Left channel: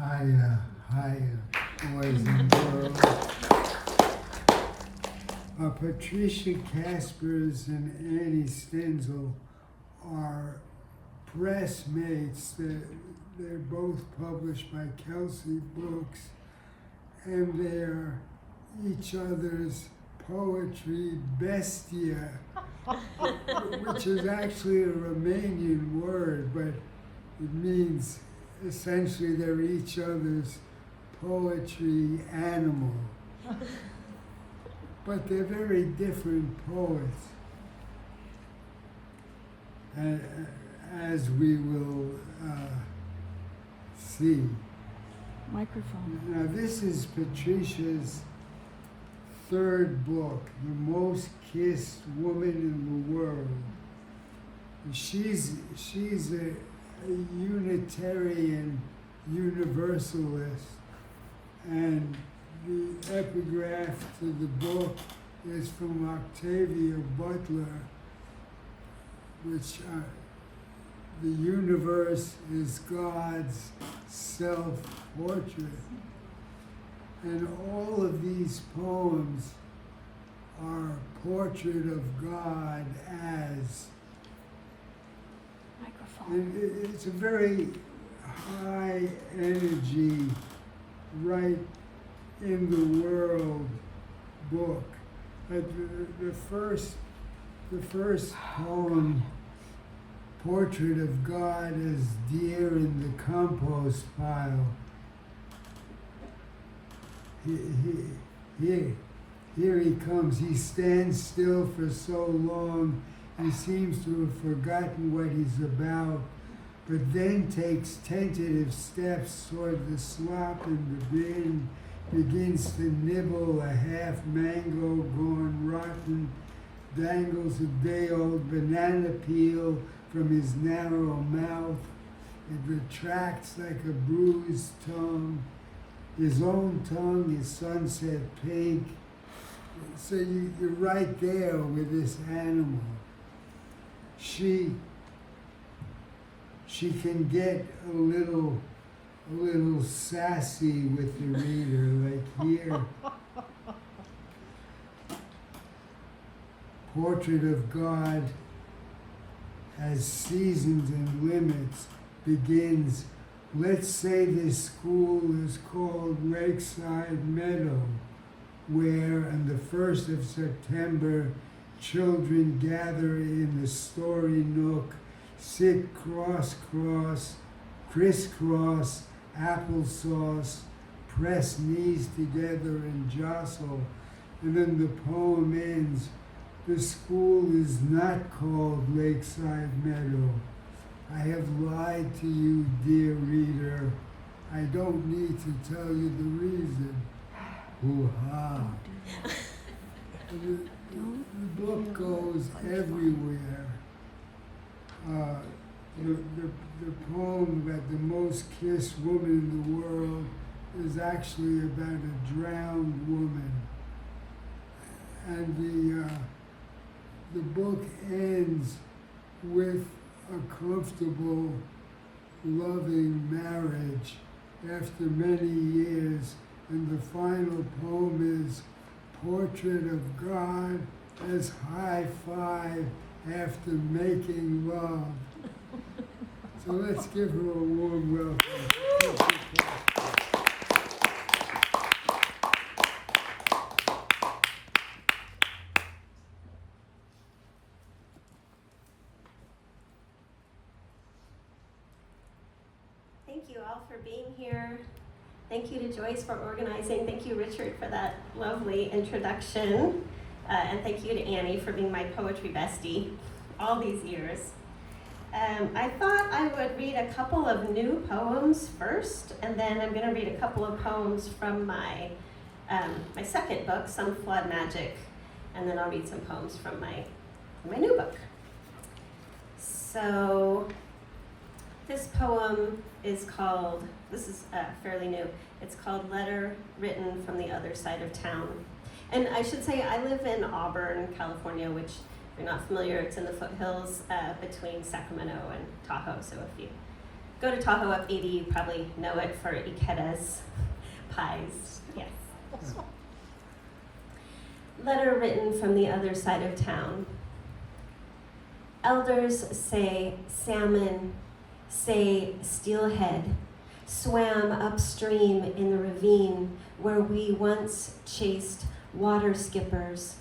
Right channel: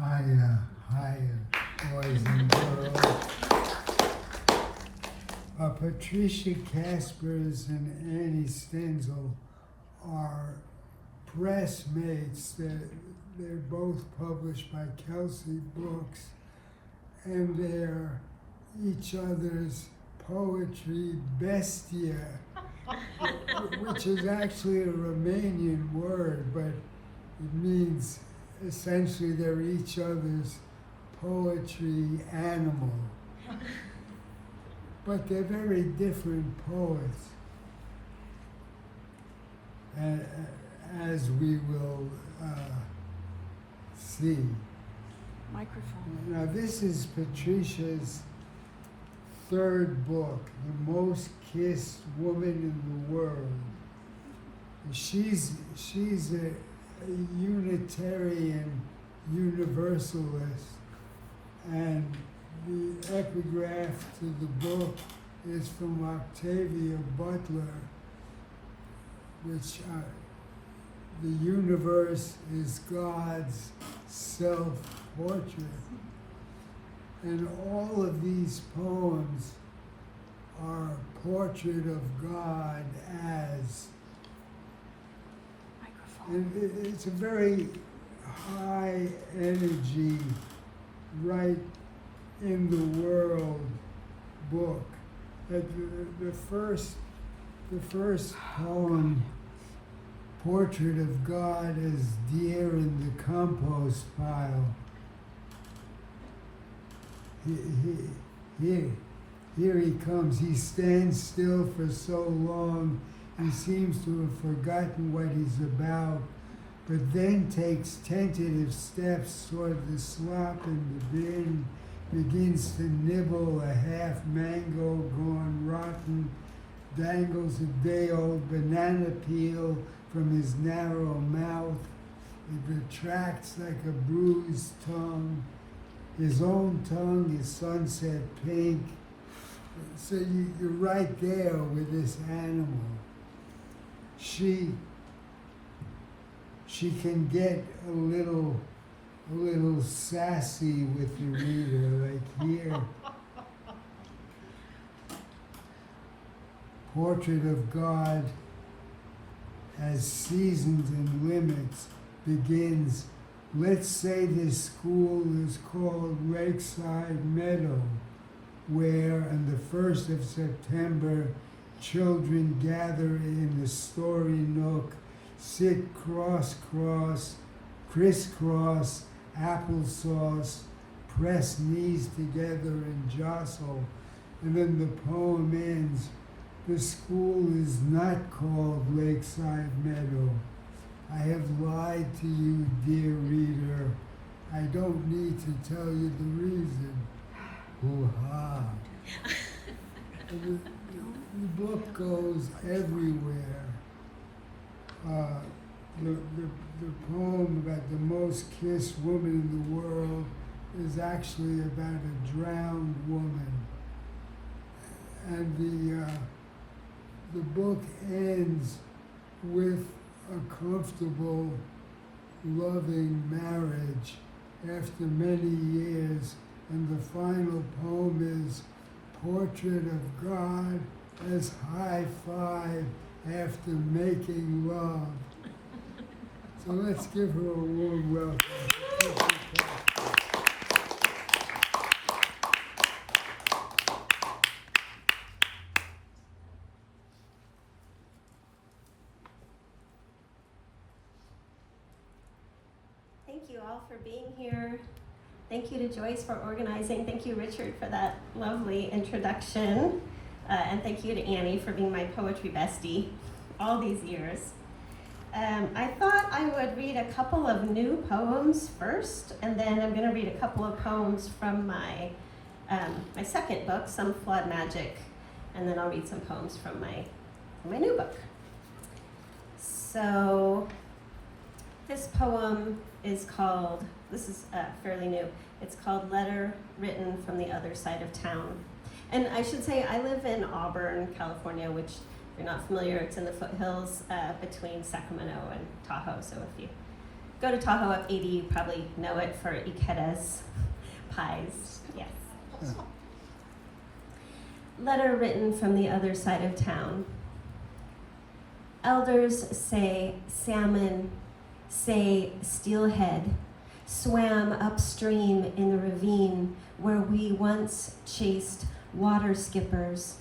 Hi, boys and girls. Patricia Caspers and Annie Stenzel are press mates. They're both published by Kelsey Books, and they're each other's poetry bestia, which is actually a Romanian word, but it means essentially they're each other's poetry animal. But they're very different poets, as we will see. Microphone. Now this is Patricia's third book, The Most Kissed Woman in the World. She's a Unitarian Universalist, and the epigraph to the book is from Octavia Butler, which the universe is God's self-portrait. And all of these poems are a portrait of God as, and it's a very high energy, right in the world book. The first poem, Portrait of God as Deer in the Compost Pile. Here he comes. He stands still for so long, he seems to have forgotten what he's about, but then takes tentative steps toward the slop in the bin, begins to nibble a half mango gone rotten, dangles a day-old banana peel from his narrow mouth. It retracts like a bruised tongue. His own tongue is sunset pink. So you're right there with this animal. She can get a little sassy with the reader, like here. Portrait of God has seasons and limits, begins, let's say this school is called Lakeside Meadow, where on the 1st of September, children gather in the story nook, sit crisscross, applesauce, press knees together and jostle. And then the poem ends, the school is not called Lakeside Meadow. I have lied to you, dear reader. I don't need to tell you the reason. Hoo-ha. The book goes everywhere. The poem about the most kissed woman in the world is actually about a drowned woman. And the book ends with a comfortable, loving marriage after many years, and the final poem is Portrait of God as high five after making love. So let's give her a warm welcome. Thank you all for being here. Thank you to Joyce for organizing. Thank you, Richard, for that lovely introduction. And thank you to Annie for being my poetry bestie all these years. I thought I would read a couple of new poems first, and then I'm going to read a couple of poems from my second book, Some Flawed Magic, and then I'll read some poems from my new book. So this poem is called, this is fairly new, it's called Letter Written from the Other Side of Town. And I should say I live in Auburn, California, which if you're not familiar, it's in the foothills between Sacramento and Tahoe. So if you go to Tahoe up 80, you probably know it for Ikeda's pies. Yes. Letter written from the other side of town. Elders say salmon, say steelhead, swam upstream in the ravine where we once chased water skippers,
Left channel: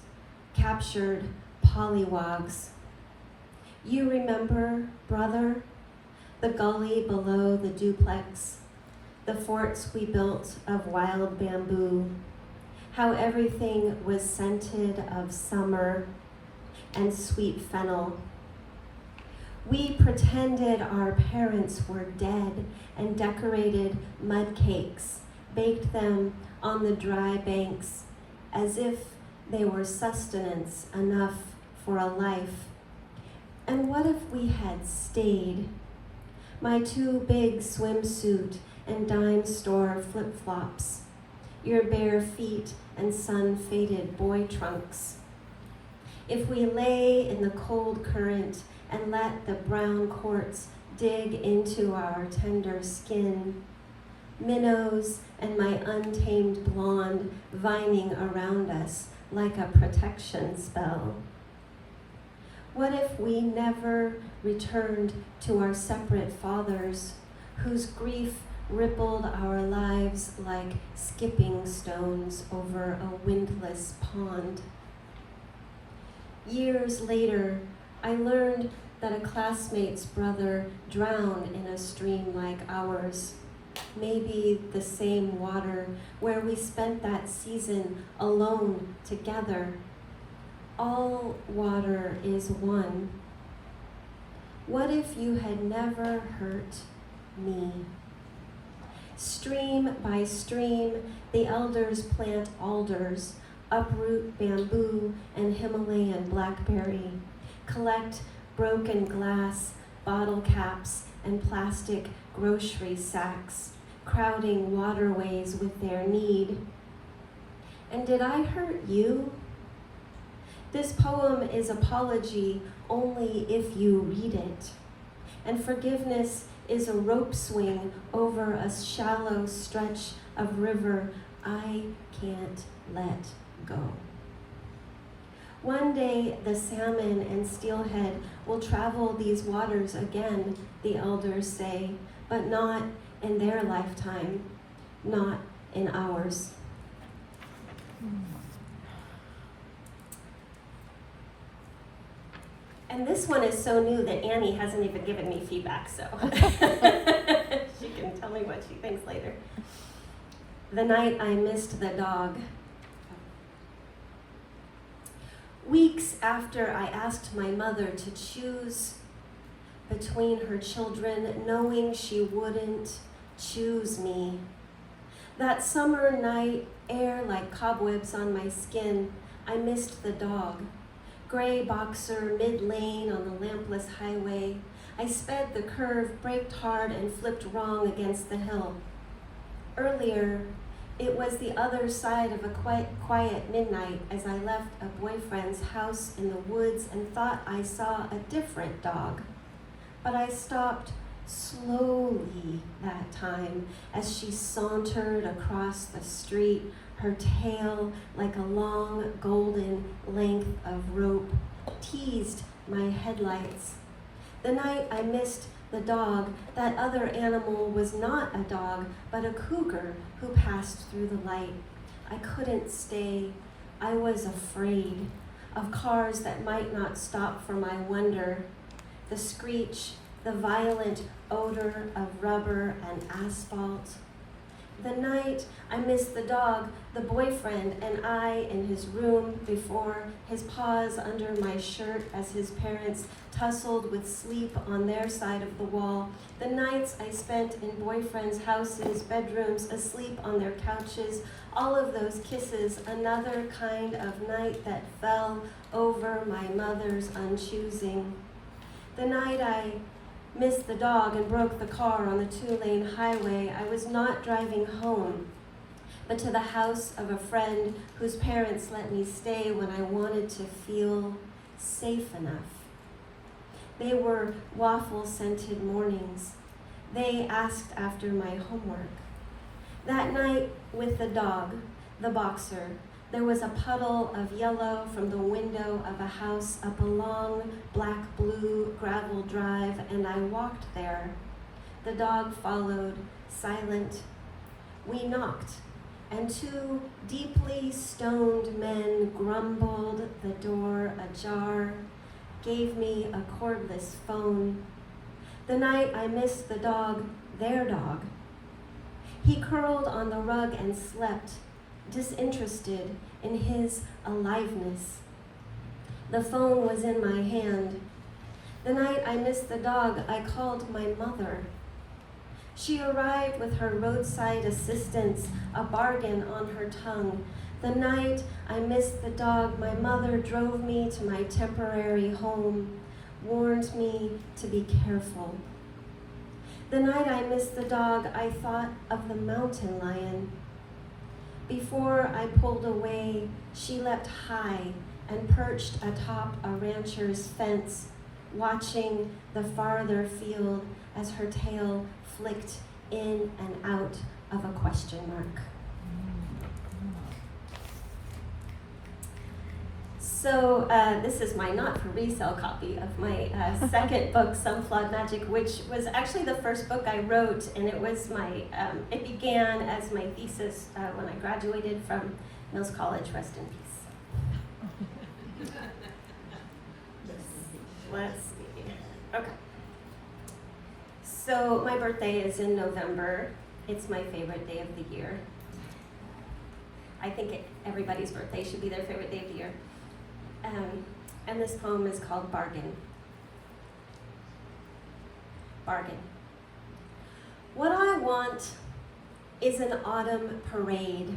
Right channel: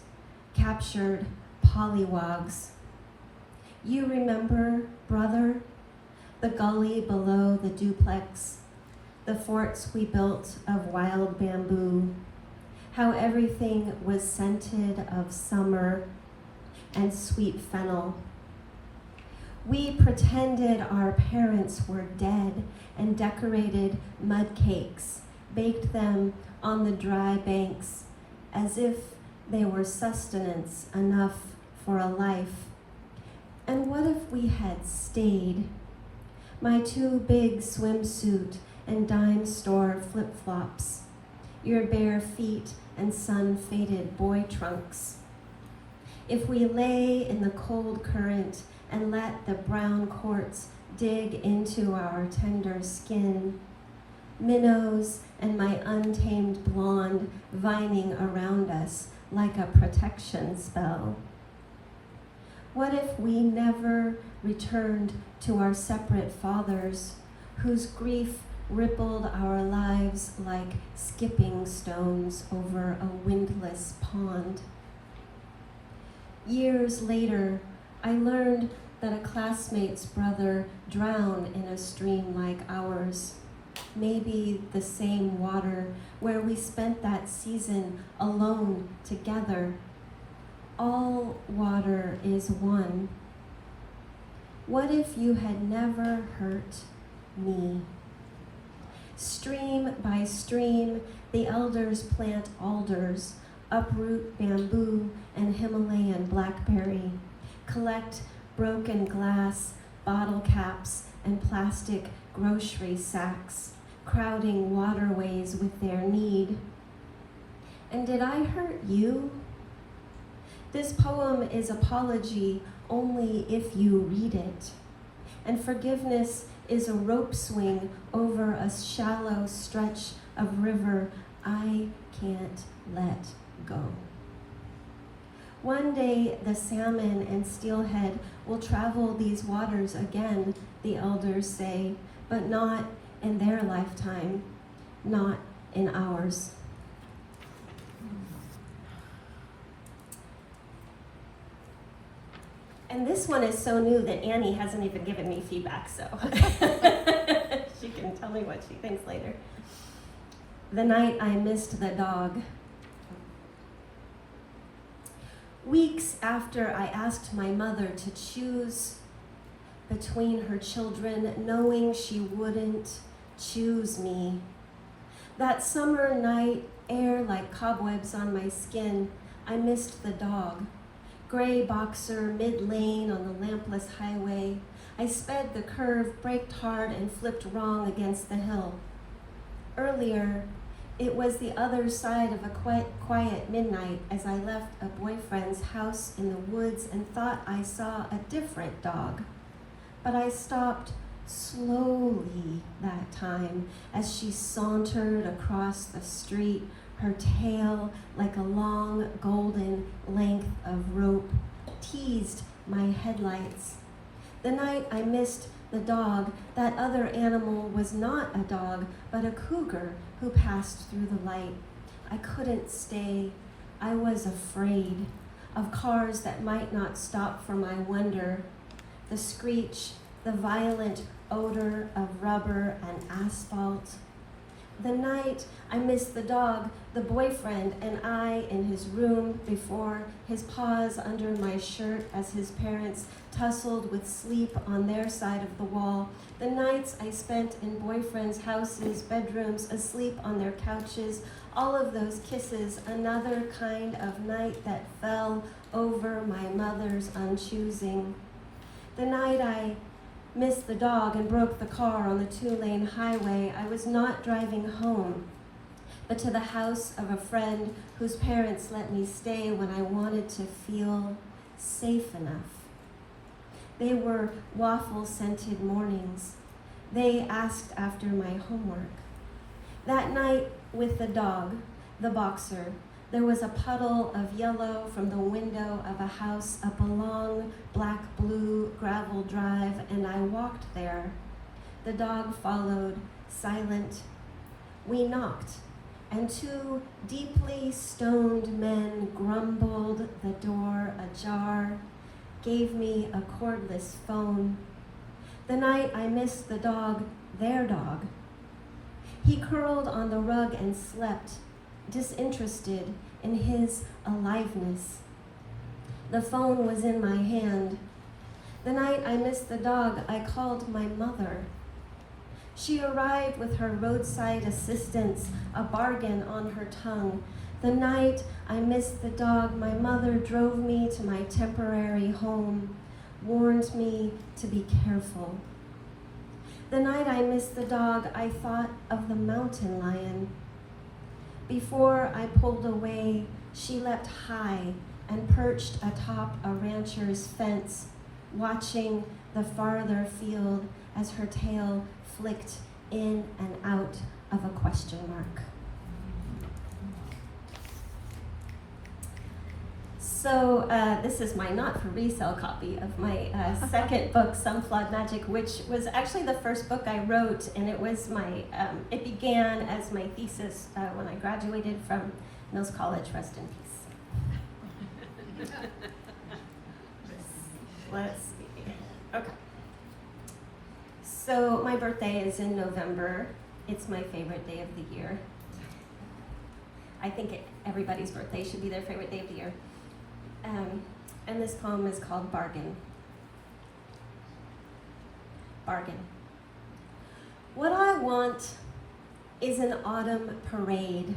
captured pollywogs. You remember, brother, the gully below the duplex, the forts we built of wild bamboo, how everything was scented of summer and sweet fennel. We pretended our parents were dead and decorated mud cakes, baked them on the dry banks as if they were sustenance enough for a life. And what if we had stayed? My too big swimsuit and dime store flip-flops, your bare feet and sun-faded boy trunks. If we lay in the cold current and let the brown quartz dig into our tender skin, minnows and my untamed blonde vining around us like a protection spell. What if we never returned to our separate fathers, whose grief rippled our lives like skipping stones over a windless pond? Years later, I learned that a classmate's brother drowned in a stream like ours, maybe the same water where we spent that season alone together. All water is one. What if you had never hurt me? Stream by stream, the elders plant alders, uproot bamboo and Himalayan blackberry, collect broken glass, bottle caps, and plastic grocery sacks, crowding waterways with their need. And did I hurt you? This poem is apology only if you read it. And forgiveness is a rope swing over a shallow stretch of river I can't let go. One day the salmon and steelhead will travel these waters again, the elders say, but not in their lifetime, not in ours. And this one is so new that Annie hasn't even given me feedback, so she can tell me what she thinks later. The night I missed the dog. Weeks after I asked my mother to choose between her children, knowing she wouldn't choose me. That summer night, air like cobwebs on my skin, I missed the dog. Gray boxer, mid-lane on the lampless highway. I sped the curve, braked hard, and flipped wrong against the hill. Earlier, it was the other side of a quiet midnight as I left a boyfriend's house in the woods and thought I saw a different dog. But I stopped slowly that time as she sauntered across the street, her tail like a long golden length of rope, teased my headlights. The night I missed the dog, that other animal was not a dog, but a cougar who passed through the light. I couldn't stay. I was afraid of cars that might not stop for my wonder. The screech, the violent odor of rubber and asphalt. The night I missed the dog, the boyfriend and I in his room before, his paws under my shirt as his parents tussled with sleep on their side of the wall. The nights I spent in boyfriends' houses, bedrooms, asleep on their couches, all of those kisses, another kind of night that fell over my mother's unchoosing. The night I missed the dog and broke the car on the 2-lane highway, I was not driving home, but to the house of a friend whose parents let me stay when I wanted to feel safe enough. They were waffle-scented mornings, They asked after my homework. That night with the dog, the boxer, there was a puddle of yellow from the window of a house up a long black-blue gravel drive, and I walked there. The dog followed, silent. We knocked, and two deeply stoned men grumbled, the door ajar, gave me a cordless phone. The night I missed the dog, their dog. He curled on the rug and slept, disinterested in his aliveness. The phone was in my hand. The night I missed the dog, I called my mother. She arrived with her roadside assistance, a bargain on her tongue. The night I missed the dog, my mother drove me to my temporary home, warned me to be careful. The night I missed the dog, I thought of the mountain lion. Before I pulled away, she leapt high and perched atop a rancher's fence, watching the farther field as her tail flicked in and out of a question mark. So this is my not for resale copy of my second book, Some Flawed Magic, which was actually the first book I wrote, and it was it began as my thesis when I graduated from Mills College. Rest in peace. Let's see. Okay. So my birthday is in November. It's my favorite day of the year. I think everybody's birthday should be their favorite day of the year. And this poem is called Bargain. Bargain. What I want is an autumn parade,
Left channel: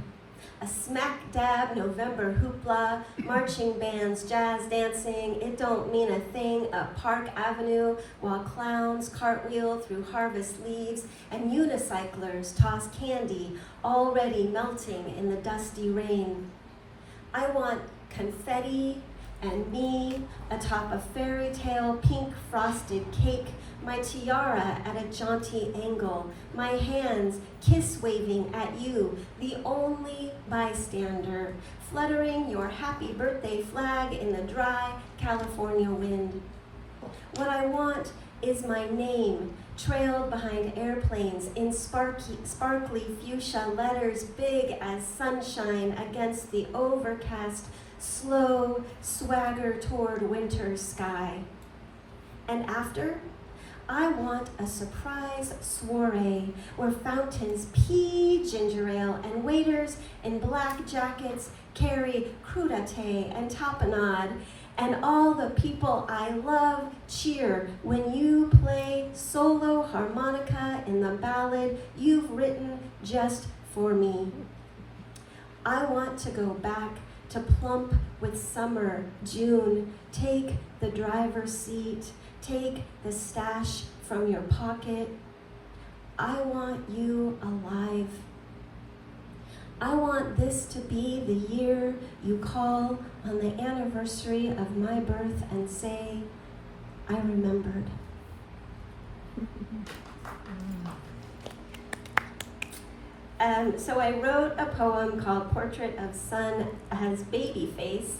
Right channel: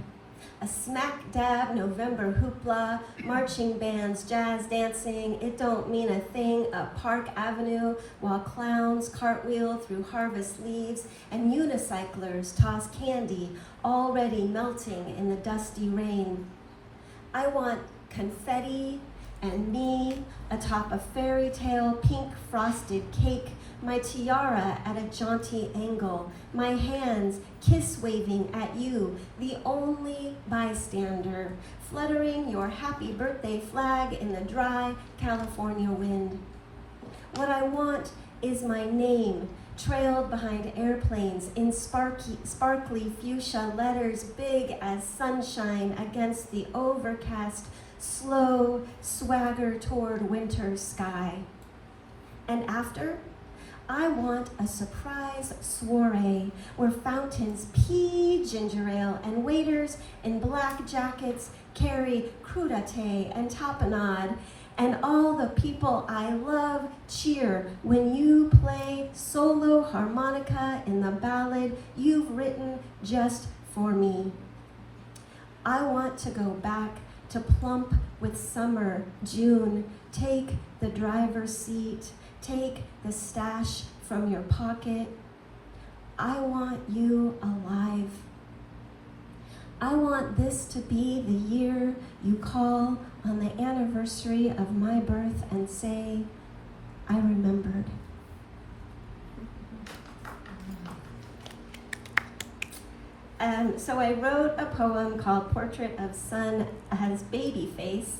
a smack-dab November hoopla, marching bands, jazz dancing, it don't mean a thing, up Park Avenue, while clowns cartwheel through harvest leaves, and unicyclers toss candy, already melting in the dusty rain. I want confetti and me atop a fairy tale pink frosted cake, my tiara at a jaunty angle, my hands kiss waving at you, the only bystander, fluttering your happy birthday flag in the dry California wind. What I want is my name, trailed behind airplanes in sparkly fuchsia letters big as sunshine against the overcast, slow swagger toward winter sky. And after, I want a surprise soiree where fountains pee ginger ale and waiters in black jackets carry crudité and tapenade, and all the people I love cheer when you play solo harmonica in the ballad you've written just for me. I want to go back to plump with summer, June, take the driver's seat, take the stash from your pocket. I want you alive. I want this to be the year you call on the anniversary of my birth and say, I remembered. So I wrote a poem called Portrait of Sun as Baby Face,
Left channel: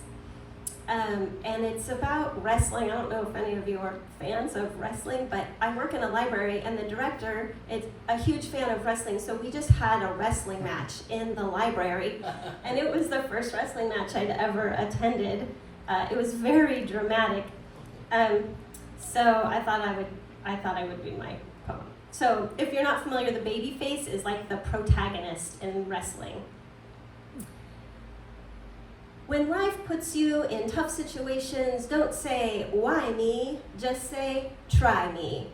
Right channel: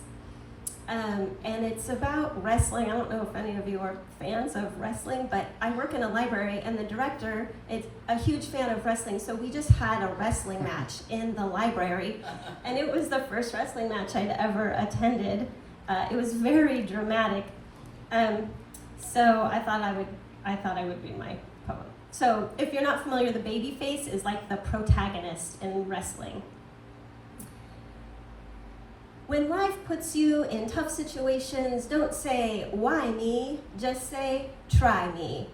and it's about wrestling. I don't know if any of you are fans of wrestling, but I work in a library, and the director is a huge fan of wrestling, so we just had a wrestling match in the library, and it was the first wrestling match I'd ever attended. It was very dramatic, so I thought I would read my poem. So if you're not familiar, the baby face is like the protagonist in wrestling. When life puts you in tough situations, don't say, why me? Just say, try me.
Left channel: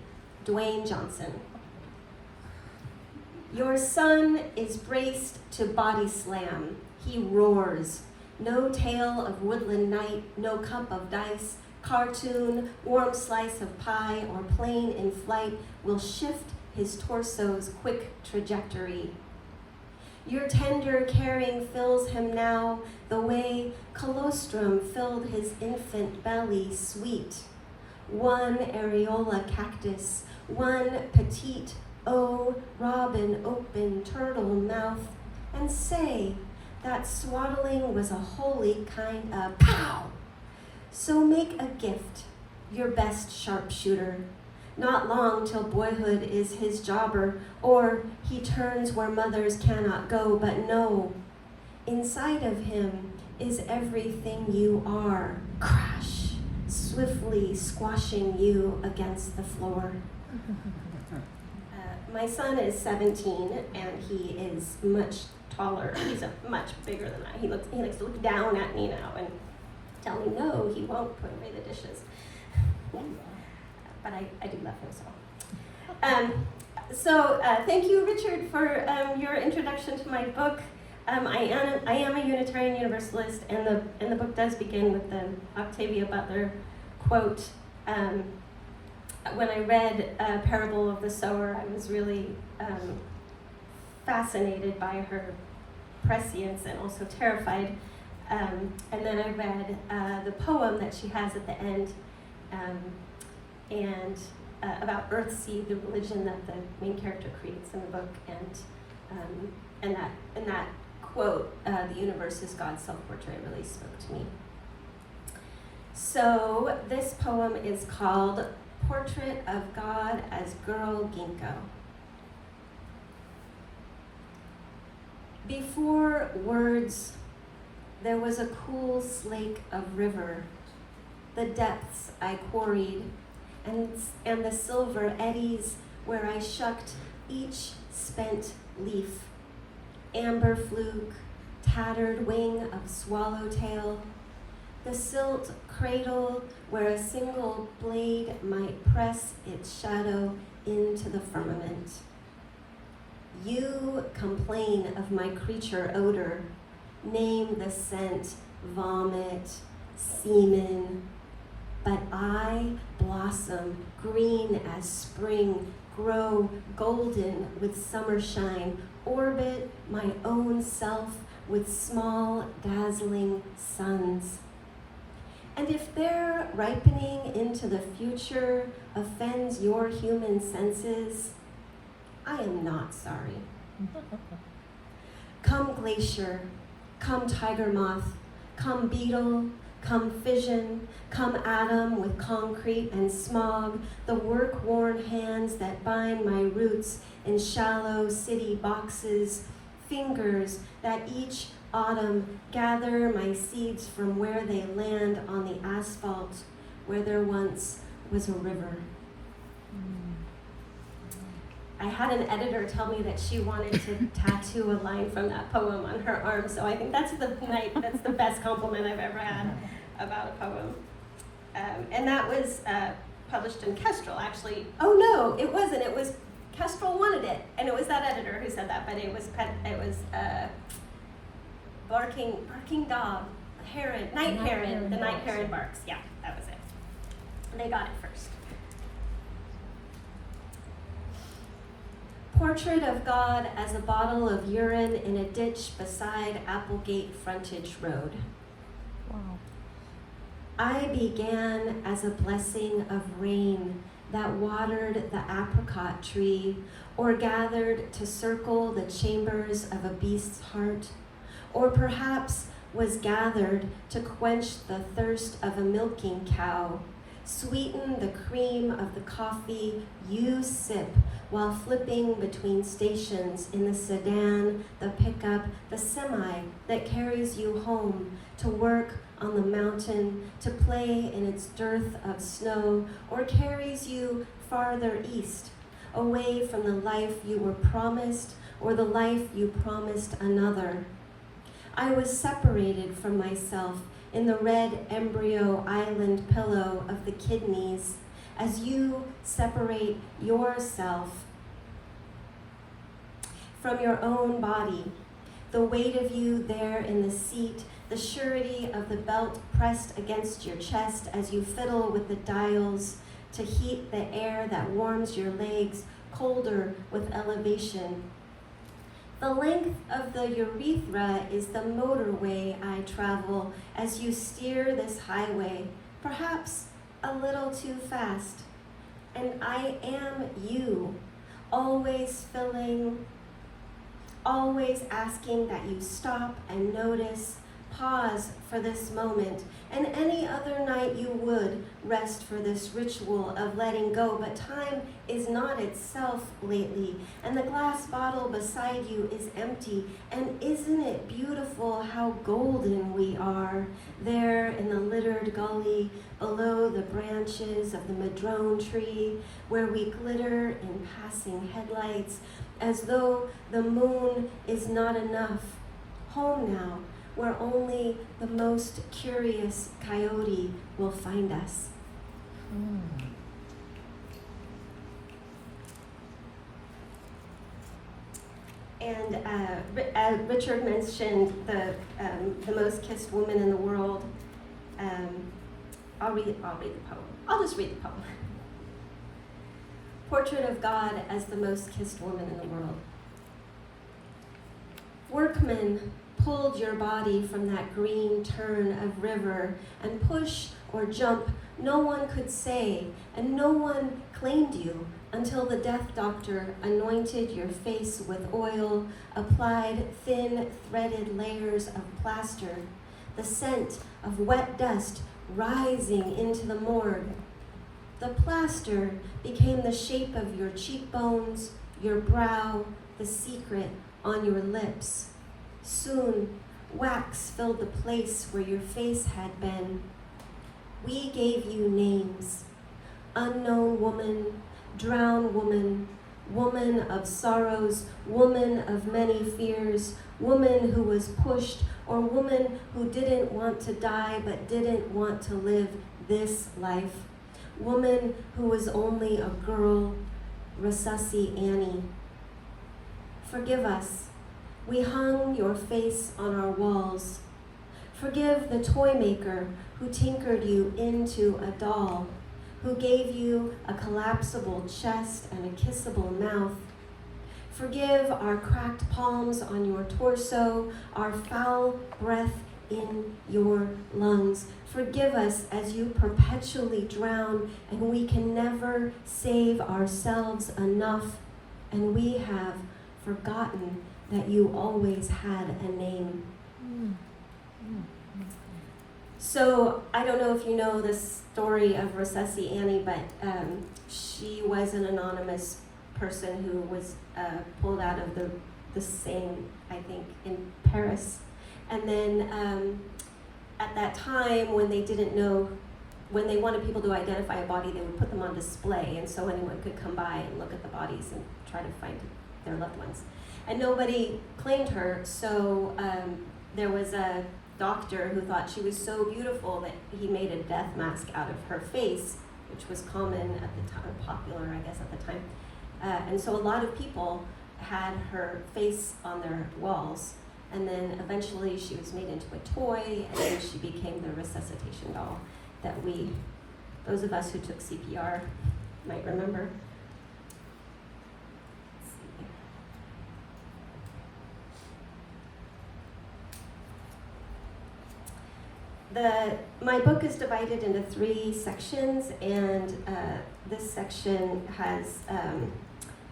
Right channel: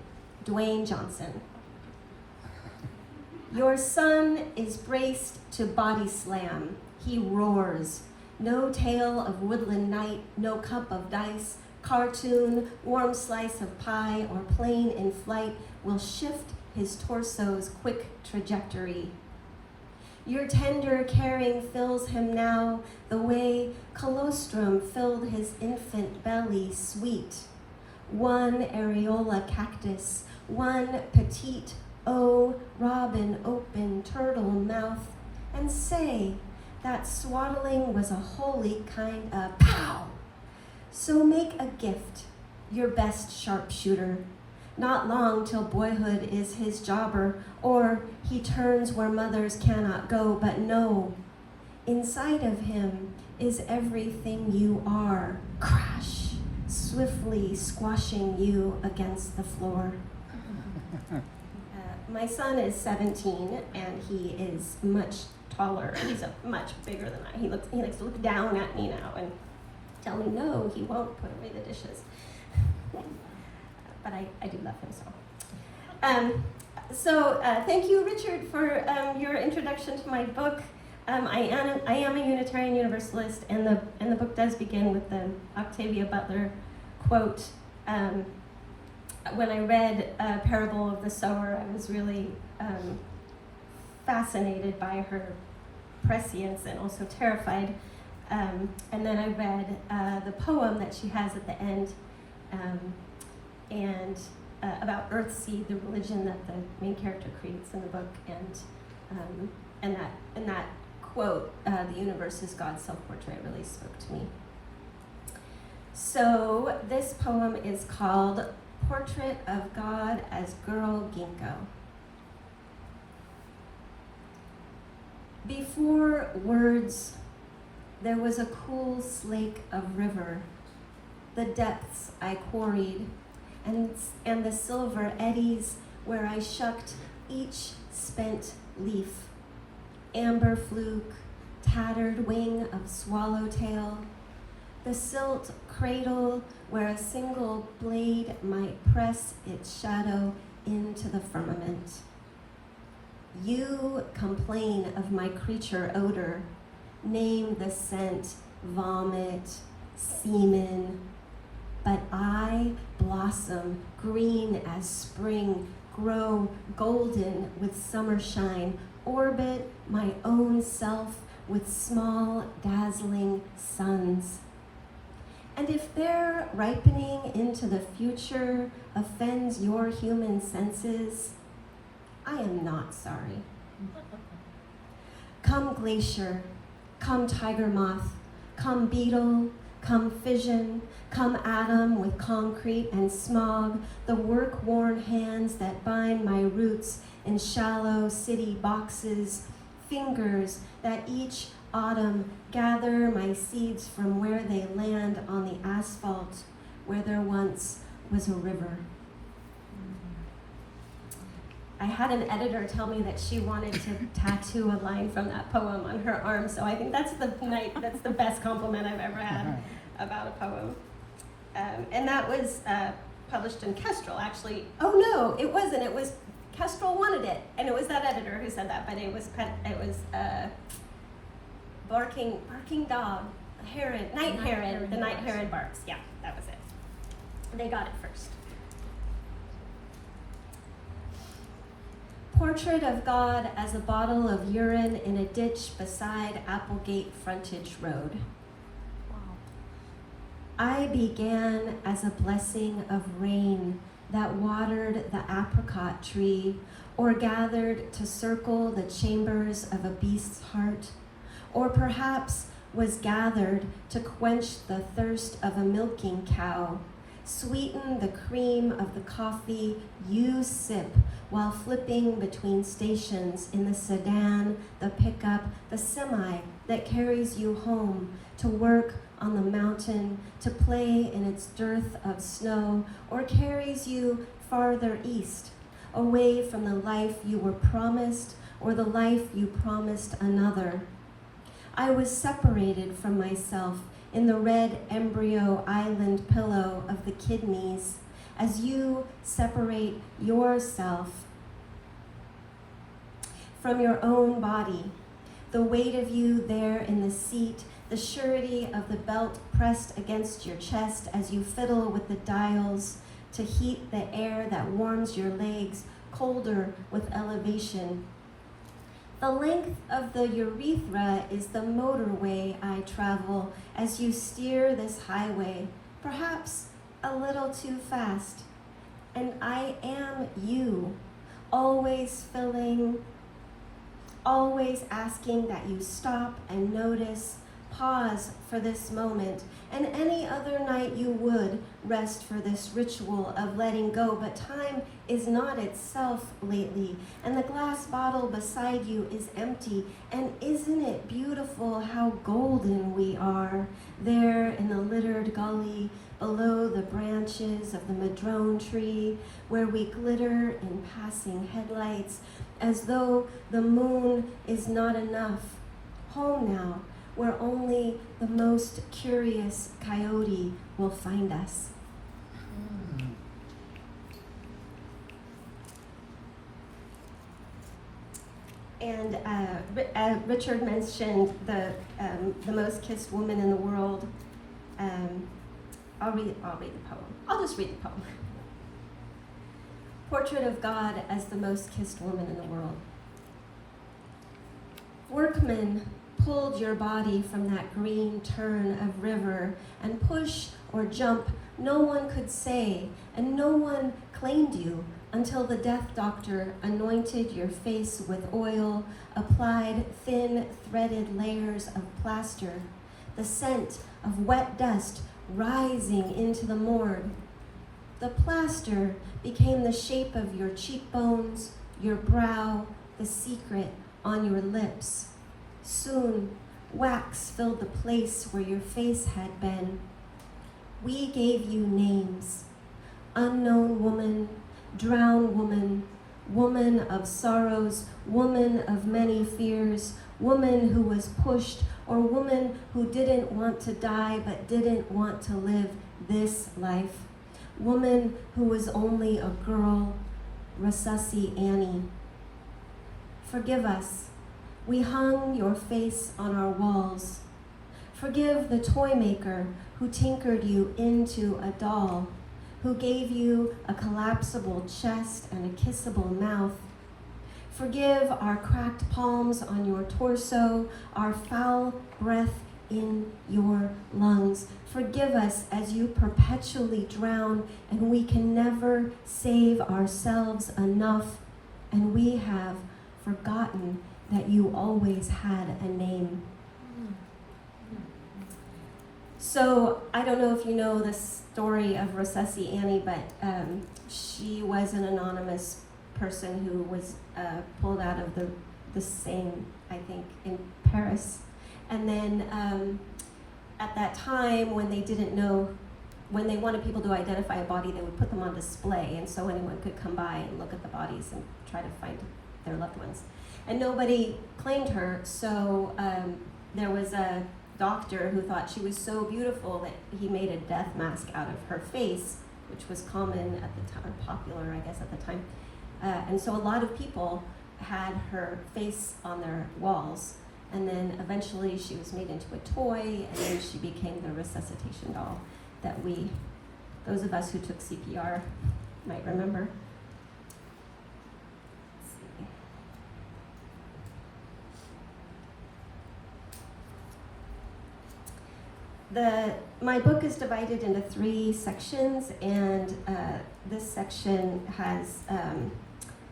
Dwayne Johnson. Your son is braced to body slam. He roars. No tale of woodland night, no cup of dice, cartoon, warm slice of pie, or plane in flight will shift his torso's quick trajectory. Your tender caring fills him now the way colostrum filled his infant belly sweet. One areola cactus, one petite Oh, robin, open turtle mouth, and say, that swaddling was a holy kind of pow! So make a gift, your best sharpshooter. Not long till boyhood is his jobber, or he turns where mothers cannot go, but no. Inside of him is everything you are. Crash, swiftly squashing you against the floor. My son is 17, and he is much taller. He's much bigger than I. He likes to look down at me now and tell me no, he won't put away the dishes. But I do love him so. Thank you, Richard, for your introduction to my book. I am a Unitarian Universalist, and the book does begin with the Octavia Butler quote. When I read Parable of the Sower, I was really fascinated by her prescience and also terrified. And then I read the poem that she has at the end, and about Earthseed, the religion that the main character creates in the book, and that quote, "The universe is God's self-portrait," really spoke to me. So this poem is called Portrait of God as Girl Ginkgo. Before words, there was a cool slake of river. The depths I quarried, and the silver eddies where I shucked each spent leaf. Amber fluke, tattered wing of swallowtail, the silt cradle where a single blade might press its shadow into the firmament. You complain of my creature odor, name the scent, vomit, semen, but I blossom green as spring, grow golden with summer shine, orbit my own self with small, dazzling suns. And if their ripening into the future offends your human senses, I am not sorry. Come glacier, come tiger moth, come beetle, come fission, come atom with concrete and smog, the work-worn hands that bind my roots in shallow city boxes, fingers that each autumn gather my seeds from where they land on the asphalt where there once was a river. I had an editor tell me that she wanted to tattoo a line from that poem on her arm, so I think that's the best compliment I've ever had about a poem. And that was published in Kestrel, actually. Oh no, it wasn't. It was Kestrel wanted it, and it was that editor who said that. But it was barking dog, heron, night heron. The night heron barks. Yeah, that was it. They got it first. Portrait of God as a bottle of urine in a ditch beside Applegate Frontage Road. I began as a blessing of rain that watered the apricot tree, or gathered to circle the chambers of a beast's heart, or perhaps was gathered to quench the thirst of a milking cow, sweeten the cream of the coffee you sip while flipping between stations in the sedan, the pickup, the semi that carries you home to work on the mountain, to play in its dearth of snow, or carries you farther east, away from the life you were promised or the life you promised another. I was separated from myself in the red embryo island pillow of the kidneys, as you separate yourself from your own body, the weight of you there in the seat, the surety of the belt pressed against your chest as you fiddle with the dials to heat the air that warms your legs, colder with elevation. The length of the urethra is the motorway I travel as you steer this highway, perhaps a little too fast. And I am you, always filling, always asking that you stop and notice, pause for this moment, and any other night you would rest for this ritual of letting go, but time is not itself lately, and the glass bottle beside you is empty, and isn't it beautiful how golden we are, there in the littered gully, below the branches of the madrone tree, where we glitter in passing headlights, as though the moon is not enough. Home now, where only the most curious coyote will find us. And Richard mentioned the most kissed woman in the world. I'll read the poem. I'll just read the poem. Portrait of God as the most kissed woman in the world. Workmen pulled your body from that green turn of river, and push or jump no one could say, and no one claimed you until the death doctor anointed your face with oil, applied thin threaded layers of plaster, the scent of wet dust rising into the morgue. The plaster became the shape of your cheekbones, your brow, the secret on your lips. Soon, wax filled the place where your face had been. We gave you names: unknown woman, drowned woman, woman of sorrows, woman of many fears, woman who was pushed, or woman who didn't want to die but didn't want to live this life, woman who was only a girl, Recipient Annie. Forgive us. We hung your face on our walls. Forgive the toy maker who tinkered you into a doll, who gave you a collapsible chest and a kissable mouth. Forgive our cracked palms on your torso, our foul breath in your lungs. Forgive us as you perpetually drown, and we can never save ourselves enough, and we have forgotten that you always had a name. So I don't know if you know the story of Recessi Annie, but she was an anonymous person who was pulled out of the Seine, I think, in Paris. And then at that time, when they didn't know, when they wanted people to identify a body, they would put them on display, and so anyone could come by and look at the bodies and try to find their loved ones. And nobody claimed her, so there was a doctor who thought she was so beautiful that he made a death mask out of her face, which was common at the time, popular, I guess, at the time. And so a lot of people had her face on their walls, and then eventually she was made into a toy, and then she became the resuscitation doll that those of us who took CPR might remember. My book is divided into 3 sections, and this section has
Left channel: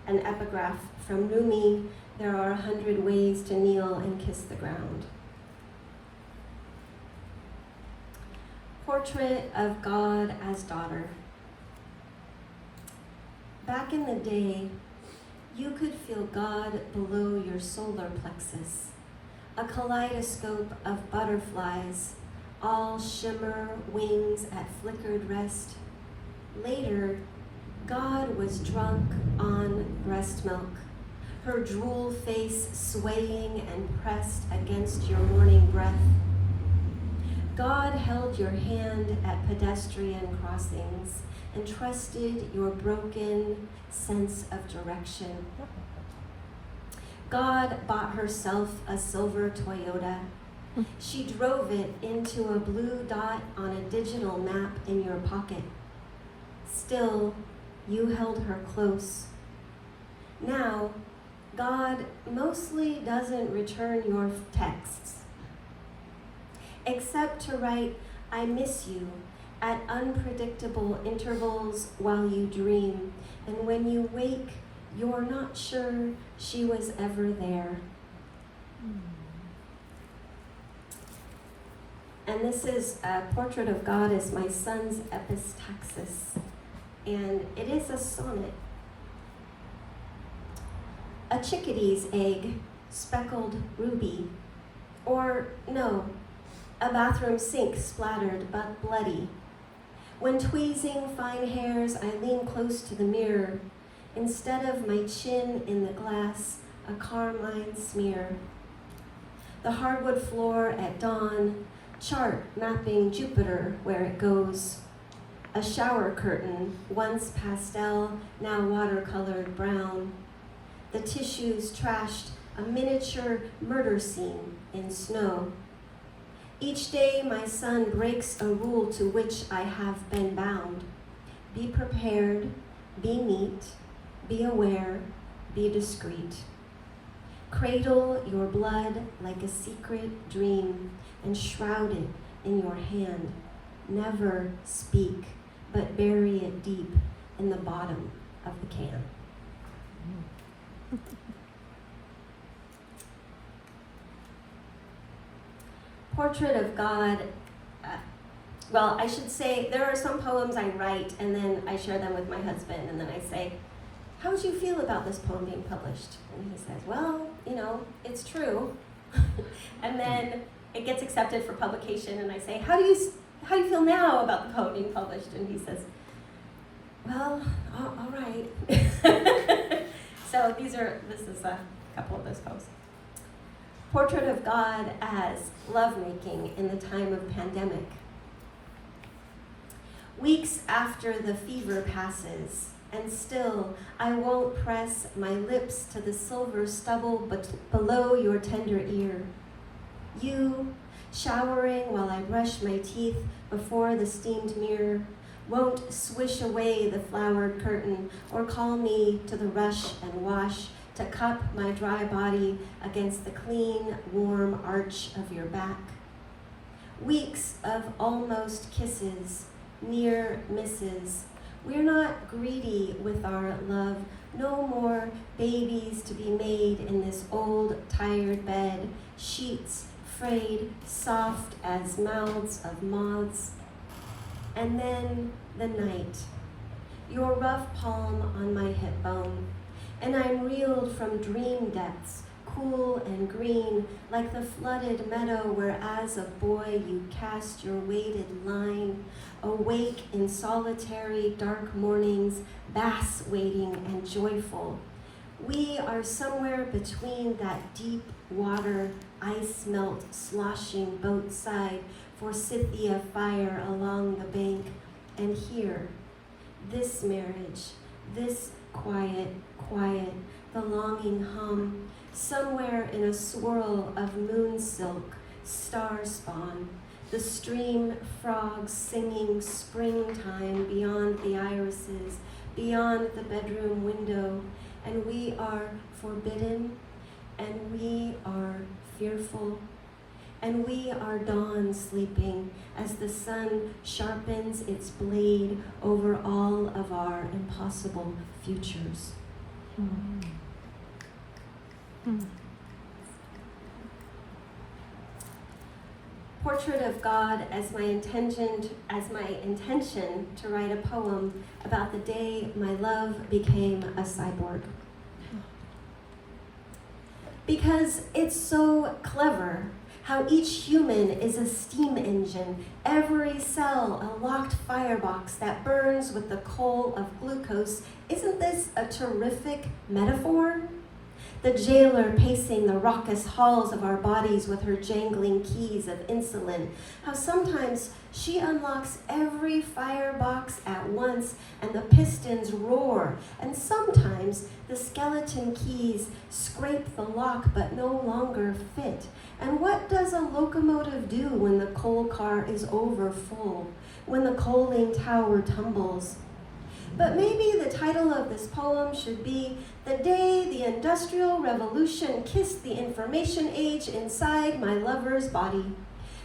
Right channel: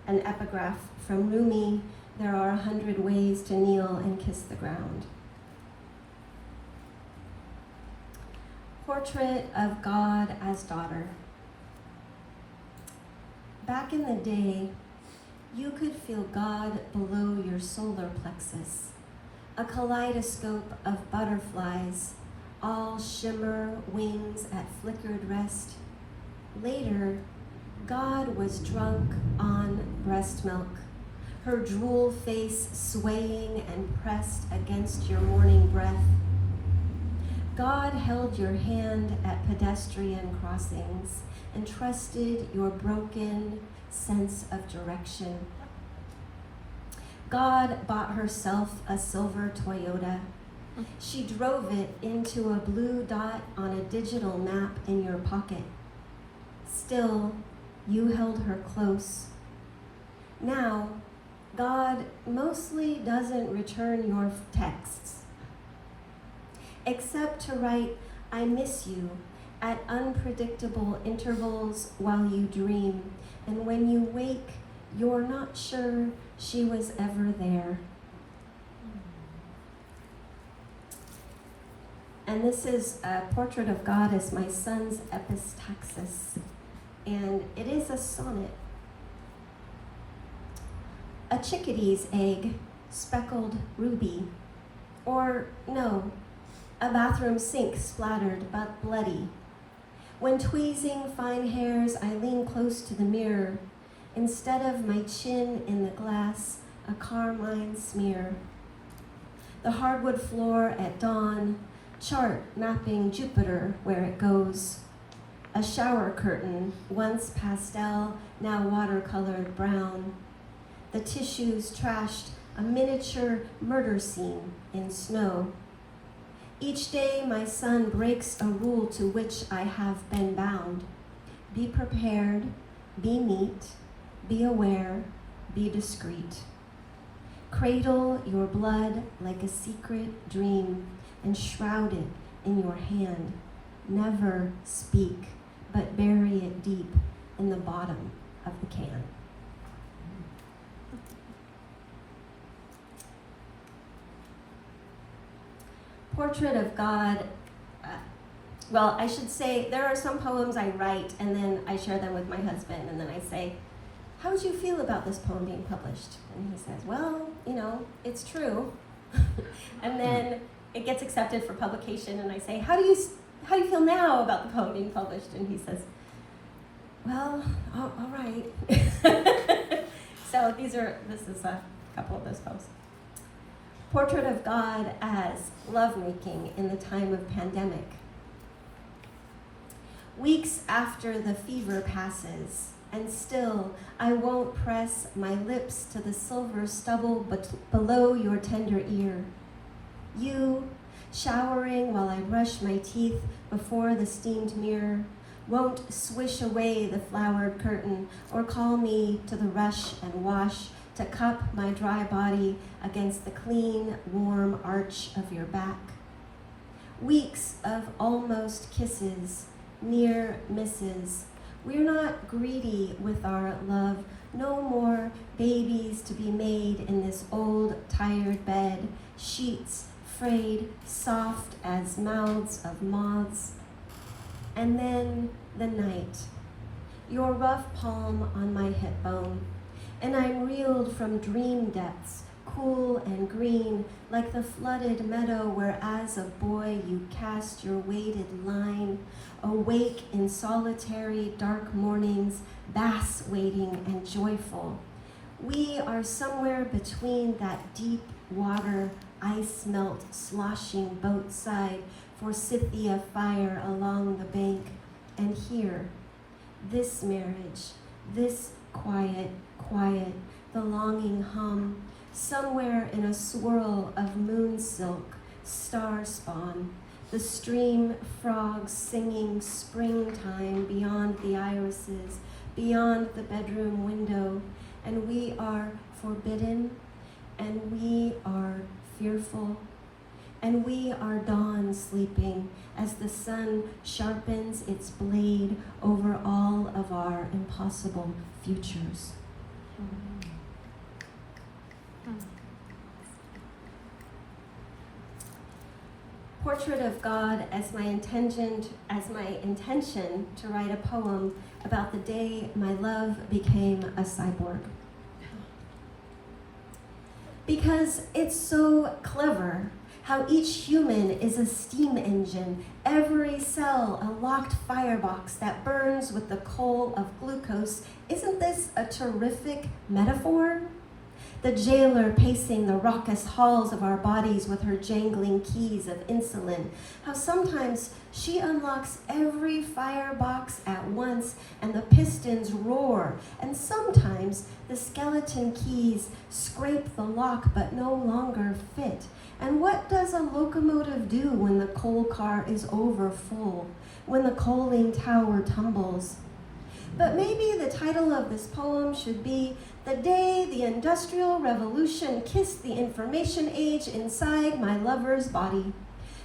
an epigraph from Rumi: "There are 100 ways to kneel and kiss the ground." Portrait of God as daughter. Back in the day, you could feel God below your solar plexus, a kaleidoscope of butterflies, all shimmer, wings at flickered rest. Later, God was drunk on breast milk, her drool face swaying and pressed against your morning breath. God held your hand at pedestrian crossings and trusted your broken sense of direction. God bought herself a silver Toyota. She drove it into a blue dot on a digital map in your pocket. Still, you held her close. Now, God mostly doesn't return your texts, except to write, "I miss you," at unpredictable intervals while you dream. And when you wake, You're not sure she was ever there. And this is a Portrait of God as my son's epistaxis. And it is a sonnet. A chickadee's egg, speckled ruby. Or, no, a bathroom sink splattered but bloody. When tweezing fine hairs, I lean close to the mirror. Instead of my chin in the glass, a carmine smear. The hardwood floor at dawn, chart mapping Jupiter where it goes. A shower curtain, once pastel, now watercolored brown. The tissues trashed, a miniature murder scene in snow. Each day my son breaks a rule to which I have been bound. Be prepared, be neat, be aware, be discreet. Cradle your blood like a secret dream and shroud it in your hand. Never speak, but bury it deep in the bottom of the can. Portrait of God, well, I should say there are some poems I write and then I share them with my husband and then I say, how would you feel about this poem being published? And he says, well, you know, it's true. And then it gets accepted for publication and I say, how do you feel now about the poem being published? And he says, well, all right. So this is a couple of those poems. Portrait of God as lovemaking in the time of pandemic. Weeks after the fever passes, and still I won't press my lips to the silver stubble below your tender ear. You, showering while I brush my teeth before the steamed mirror, won't swish away the flowered curtain or call me to the rush and wash to cup my dry body against the clean, warm arch of your back. Weeks of almost kisses, near misses. We're not greedy with our love, no more babies to be made in this old, tired bed, sheets frayed, soft as mouths of moths. And then the night, your rough palm on my hip bone, and I'm reeled from dream depths, cool and green, like the flooded meadow where as a boy you cast your weighted line, awake in solitary dark mornings, bass waiting and joyful. We are somewhere between that deep water, ice melt sloshing boat side, forsythia fire along the bank, and here, this marriage, this quiet, the longing hum, somewhere in a swirl of moon silk, star spawn, the stream frogs singing springtime beyond the irises, beyond the bedroom window, and we are forbidden, and we are fearful, and we are dawn sleeping as the sun sharpens its blade over all of our impossible futures. Portrait of God as my intention to write a poem about the day my love became a cyborg. Because it's so clever how each human is a steam engine, every cell a locked firebox that burns with the coal of glucose. Isn't this a terrific metaphor? The jailer pacing the raucous halls of our bodies with her jangling keys of insulin. How sometimes she unlocks every firebox at once and the pistons roar, and sometimes the skeleton keys scrape the lock but no longer fit. And what does a locomotive do when the coal car is over full, when the coaling tower tumbles? But maybe the title of this poem should be The Day the Industrial Revolution Kissed the Information Age Inside My Lover's Body.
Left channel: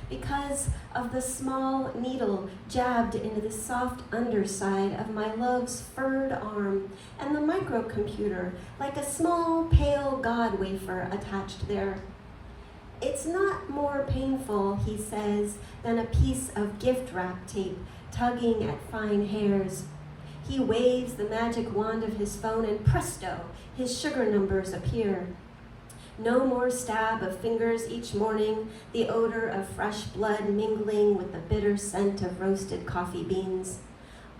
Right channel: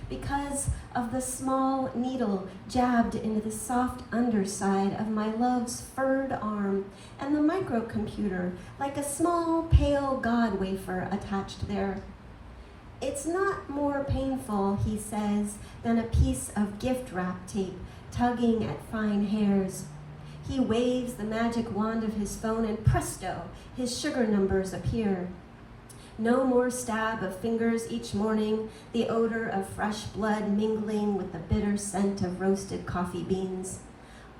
because of the small needle jabbed into the soft underside of my love's furred arm, and the microcomputer, like a small pale god wafer attached there. It's not more painful, he says, than a piece of gift wrap tape tugging at fine hairs. He waves the magic wand of his phone, and presto, his sugar numbers appear. No more stab of fingers each morning, the odor of fresh blood mingling with the bitter scent of roasted coffee beans.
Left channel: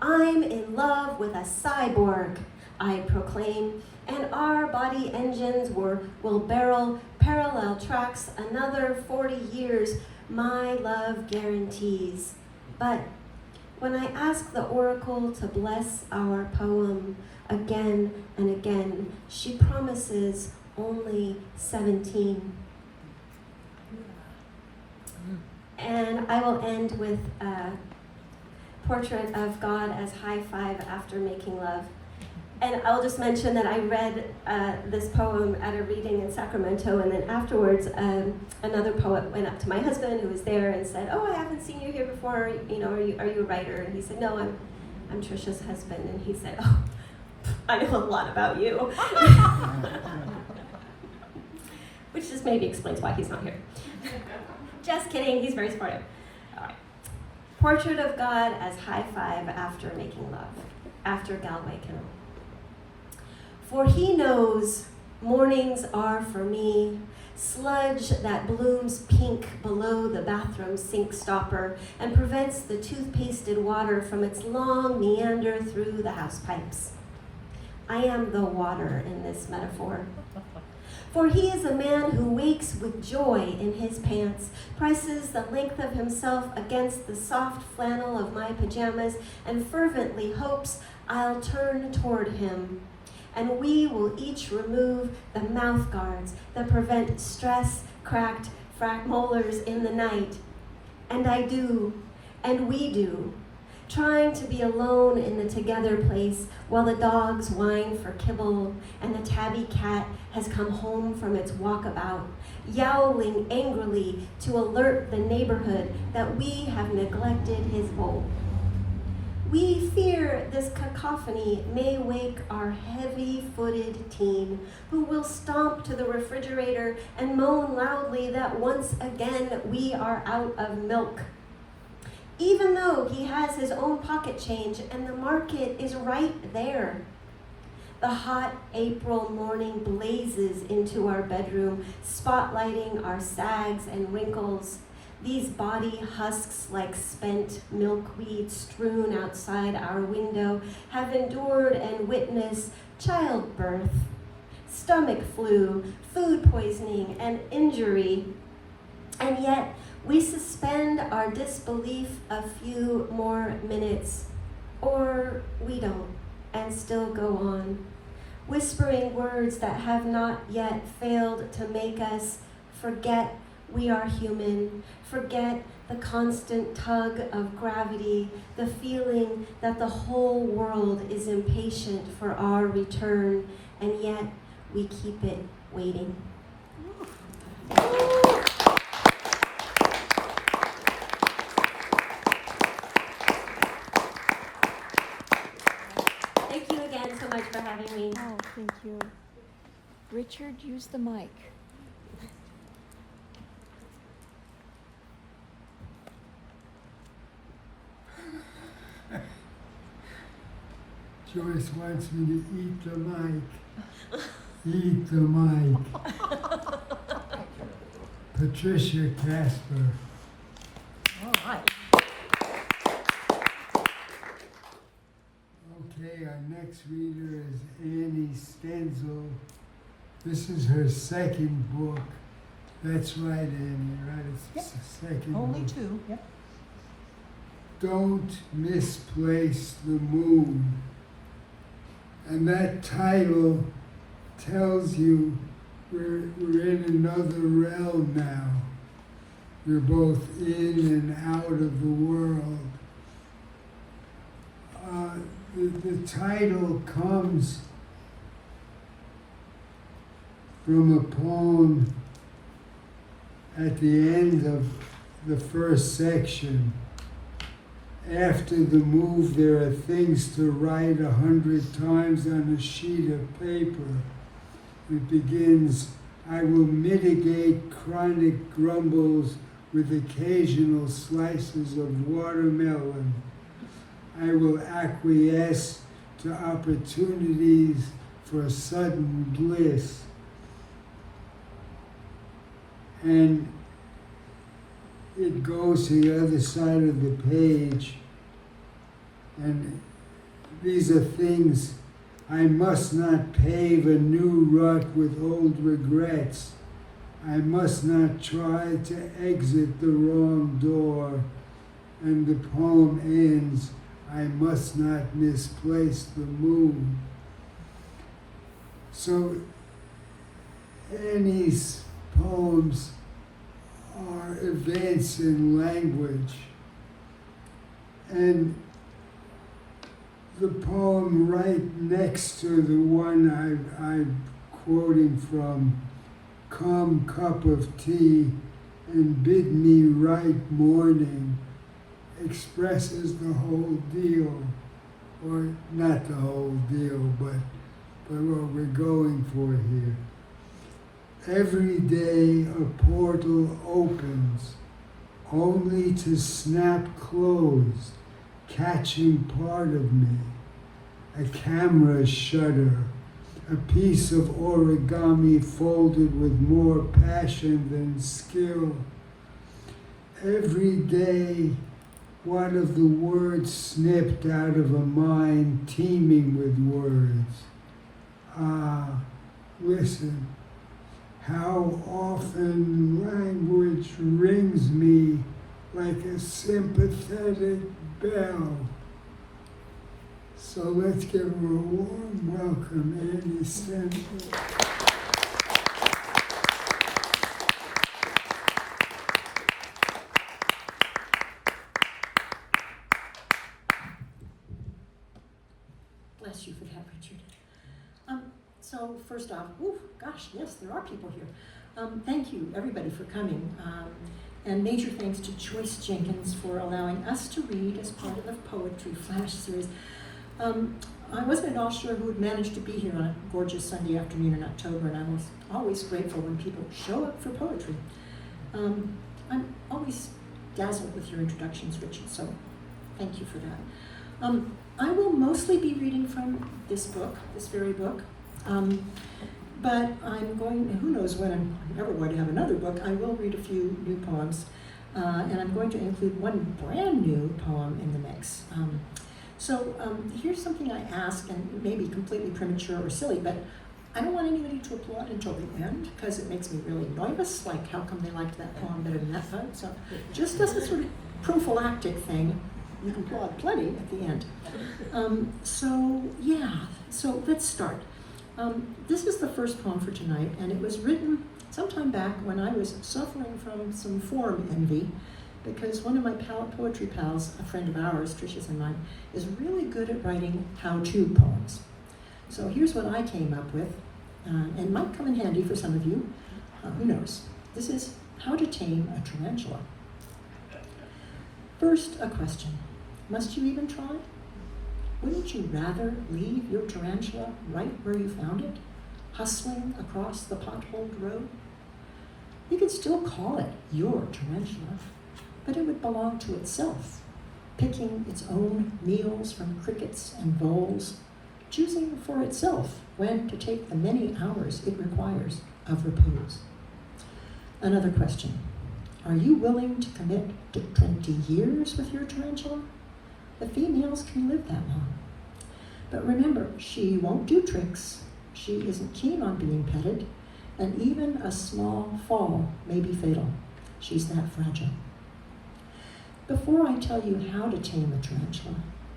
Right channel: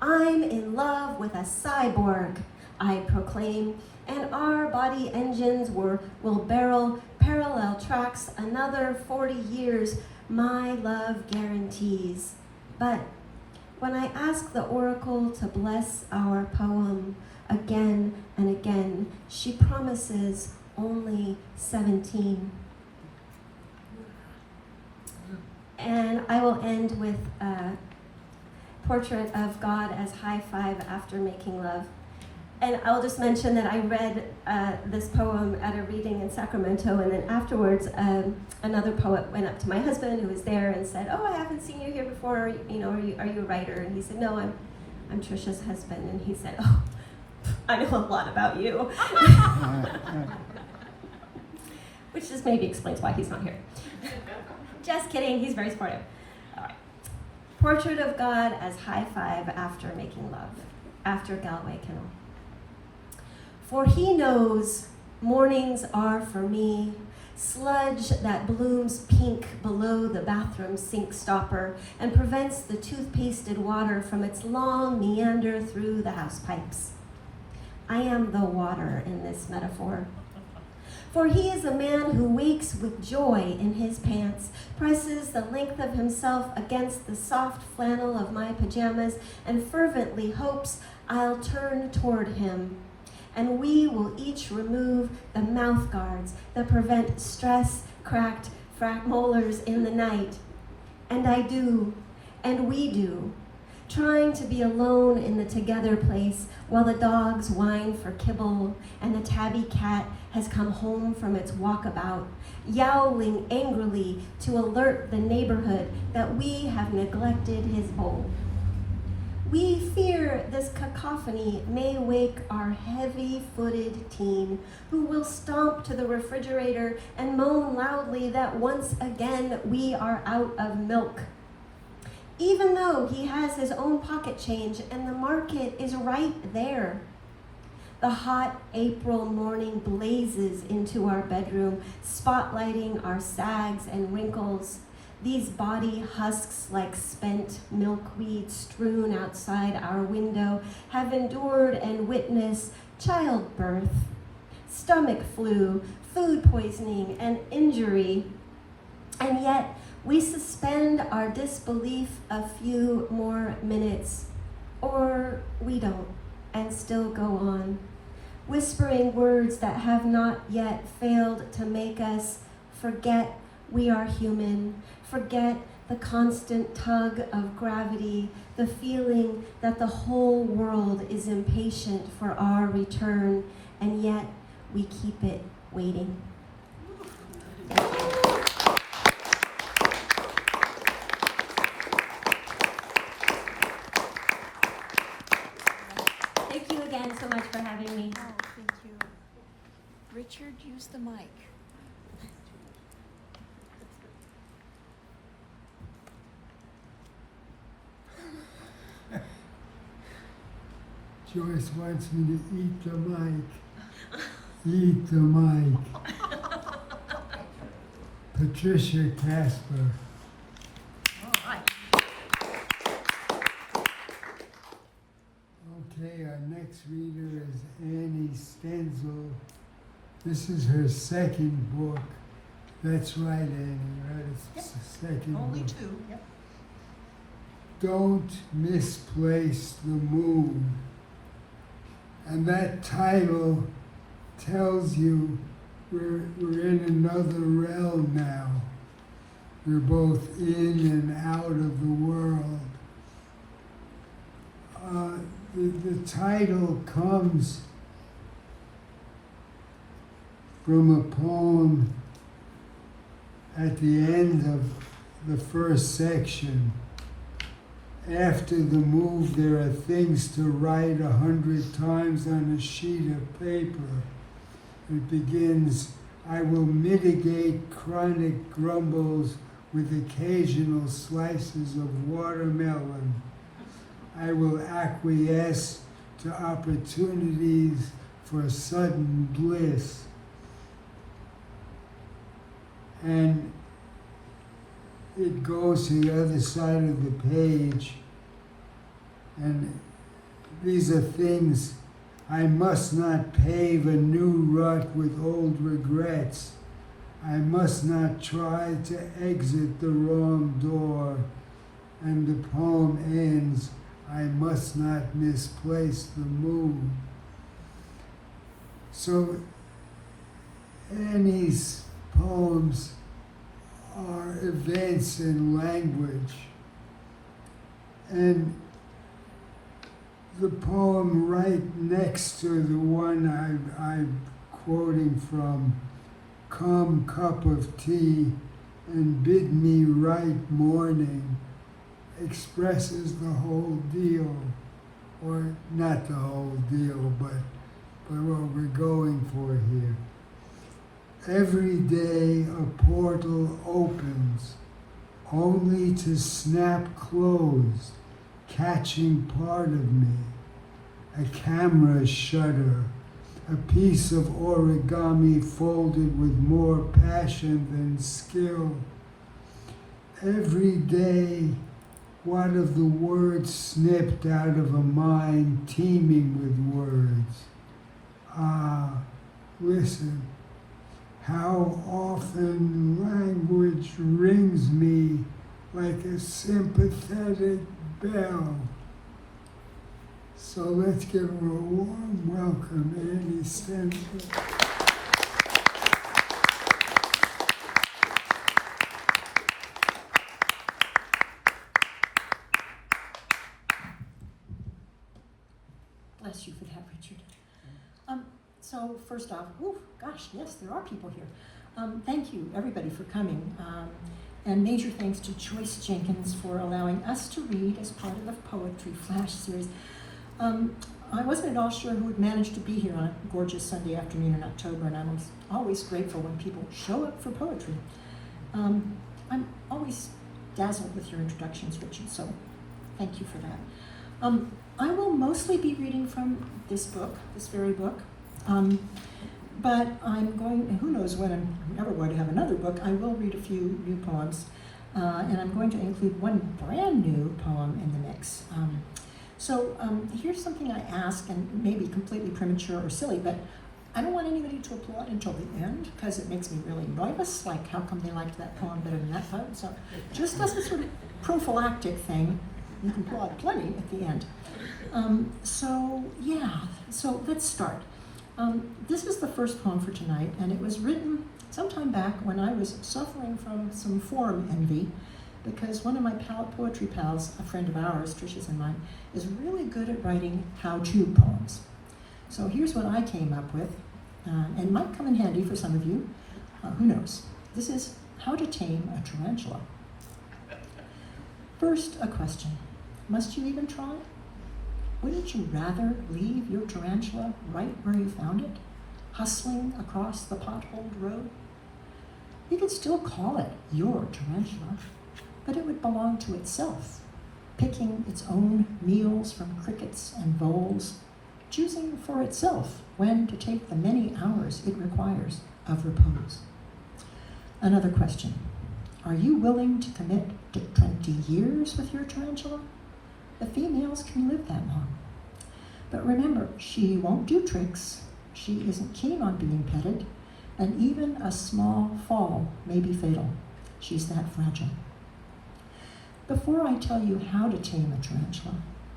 I'm in love with a cyborg, I proclaim, and our body engines will barrel parallel tracks another 40 years, my love guarantees. But when I ask the oracle to bless our poem again and again, she promises only 17. And I will end with a Portrait of God as High Five After Making Love. And I'll just mention that I read this poem at a reading in Sacramento, and then afterwards another poet went up to my husband who was there and said, "Oh, I haven't seen you here before, are you a writer?" And he said, "No, I'm Trisha's husband." And he said, "Oh, I know a lot about you." Which just maybe explains why he's not here. Just kidding, he's very supportive. All right. Portrait of God as High Five After Making Love, after Galway Canal. For he knows mornings are for me sludge that blooms pink below the bathroom sink stopper and prevents the toothpasted water from its long meander through the house pipes. I am the water in this metaphor. For he is a man who wakes with joy in his pants, presses the length of himself against the soft flannel of my pajamas, and fervently hopes I'll turn toward him. And we will each remove the mouth guards that prevent stress, cracked molars in the night. And I do, and we do, trying to be alone in the together place while the dogs whine for kibble and the tabby cat has come home from its walkabout, yowling angrily to alert the neighborhood that we have neglected his bowl. We fear this cacophony may wake our heavy-footed teen, who will stomp to the refrigerator and moan loudly that once again we are out of milk. Even though he has his own pocket change and the market is right there. The hot April morning blazes into our bedroom, spotlighting our sags and wrinkles. These body husks, like spent milkweed strewn outside our window, have endured and witnessed childbirth, stomach flu, food poisoning, and injury. And yet, we suspend our disbelief a few more minutes, or we don't, and still go on, whispering words that have not yet failed to make us forget we are human, forget the constant tug of gravity, the feeling that the whole world is impatient for our return, and yet we keep it waiting. Thank you again so much for having me. Oh, thank you. Richard, use the mic. Joyce wants me to eat the mic. Eat the mic. Patricia Caspers. Okay, our next reader is Annie Stenzel. This is her second book. That's right, Annie, right? It's the second Only book. 2, yep. Don't Misplace the Moon. And that title tells you we're in another realm now. We're both in and out of the world. The title comes from a poem at the end of the first section. After the move, there are things to write 100 times on a sheet of paper. It begins, I will mitigate chronic grumbles with occasional slices of watermelon. I will acquiesce to opportunities for sudden bliss. And it goes to the other side of the page, and these are things. I must not pave a new rut with old regrets. I must not try to exit the wrong door. And the poem ends, I must not misplace the moon. So Annie's poems are events in language. And the poem right next to the one I'm quoting from, Come cup of tea and bid me write morning, expresses the whole deal, or not the whole deal, but what we're going for here. Every day a portal opens, only to snap closed, catching part of me. A camera shutter, a piece of origami folded with more passion than skill. Every day, one of the words snipped out of a mind teeming with words. Ah, listen, how often language rings me like a sympathetic bell. So let's give her a warm welcome, Annie Stenzel. Bless you for that, Richard. So first off, oh gosh, yes, there are people here. Thank you, everybody, for coming. And major thanks to Joyce Jenkins for allowing us to read as part of the Poetry Flash series. I wasn't at all sure who would manage to be here on a gorgeous Sunday afternoon in October, and I was always grateful when people show up for poetry. I'm always dazzled with your introductions, Richard, so thank you for that. I will mostly be reading from this book, this very book, but I'm going, who knows when I'm ever going to have another book, I will read a few new poems, and I'm going to include one brand new poem in the mix. So here's something I ask, and maybe completely premature or silly, but I don't want anybody to applaud until the end, because it makes me really nervous, like how come they liked that poem better than that poem? So just as a sort of prophylactic thing, you can applaud plenty at the end. So let's start. This is the first poem for tonight, and it was written sometime back when I was suffering from some form envy, because one of my poetry pals, a friend of ours, Trisha's and mine, is really good at writing how-to poems. So here's what I came up with, and might come in handy for some of you, who knows. This is How to Tame a Tarantula. First, a question. Must you even try? Wouldn't you rather leave your tarantula right where you found it, hustling across the potholed road? You could still call it your tarantula, but it would belong to itself, picking its own meals from crickets and bowls, choosing for itself when to take the many hours it requires of repose. Another question. Are you willing to commit to 20 years with your tarantula? The females can live that long. But remember, she won't do tricks, she isn't keen on being petted, and even a small fall may be fatal. She's that fragile. Before I tell you how to tame a tarantula,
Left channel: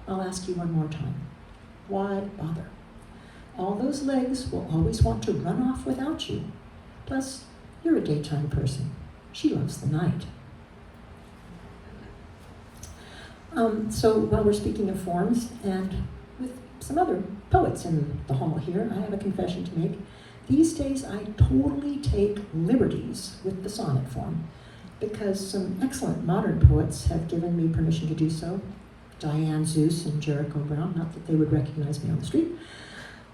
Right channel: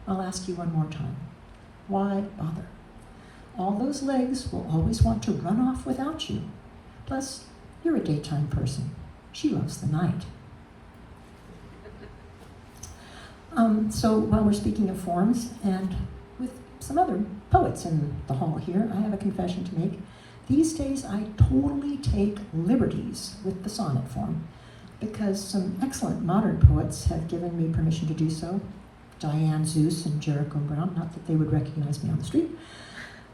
I'll ask you one more time. Why bother? All those legs will always want to run off without you. Plus, you're a daytime person. She loves the night. So while we're speaking of forms, and with some other poets in the hall here, I have a confession to make. These days I totally take liberties with the sonnet form, because some excellent modern poets have given me permission to do so. Diane Zeus and Jericho Brown, not that they would recognize me on the street.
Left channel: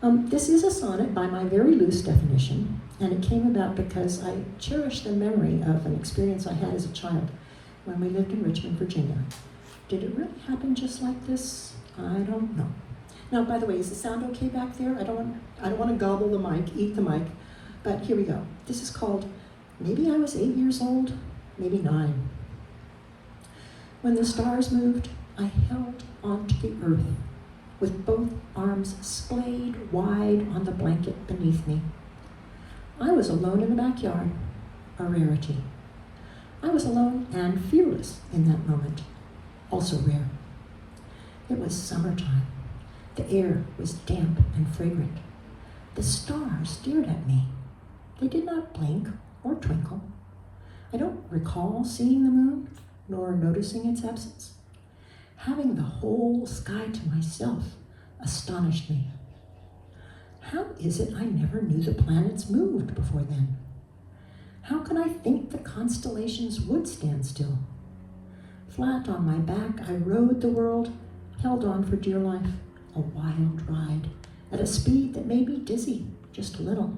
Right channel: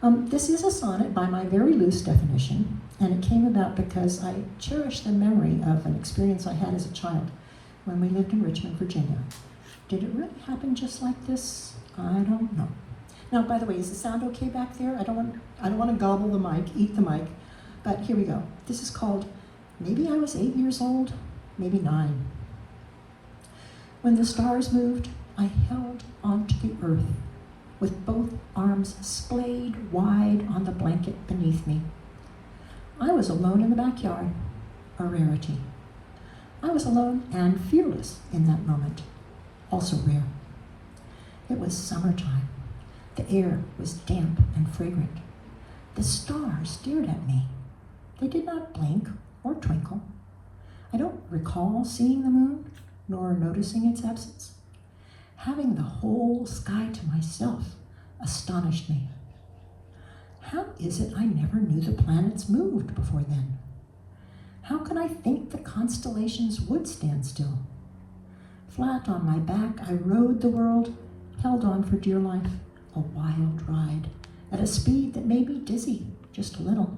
This is a sonnet by my very loose definition, and it came about because I cherish the memory of an experience I had as a child when we lived in Richmond, Virginia. Did it really happen just like this? I don't know. Now, by the way, is the sound okay back there? I don't want to gobble the mic, eat the mic, but here we go. This is called Maybe I Was 8 Years Old, Maybe 9. When the stars moved, I held onto the earth with both arms splayed wide on the blanket beneath me. I was alone in the backyard, a rarity. I was alone and fearless in that moment, also rare. It was summertime. The air was damp and fragrant. The stars stared at me. They did not blink or twinkle. I don't recall seeing the moon, nor noticing its absence. Having the whole sky to myself astonished me. How is it I never knew the planets moved before then? How could I think the constellations would stand still? Flat on my back, I rode the world, held on for dear life, a wild ride, at a speed that made me dizzy, just a little.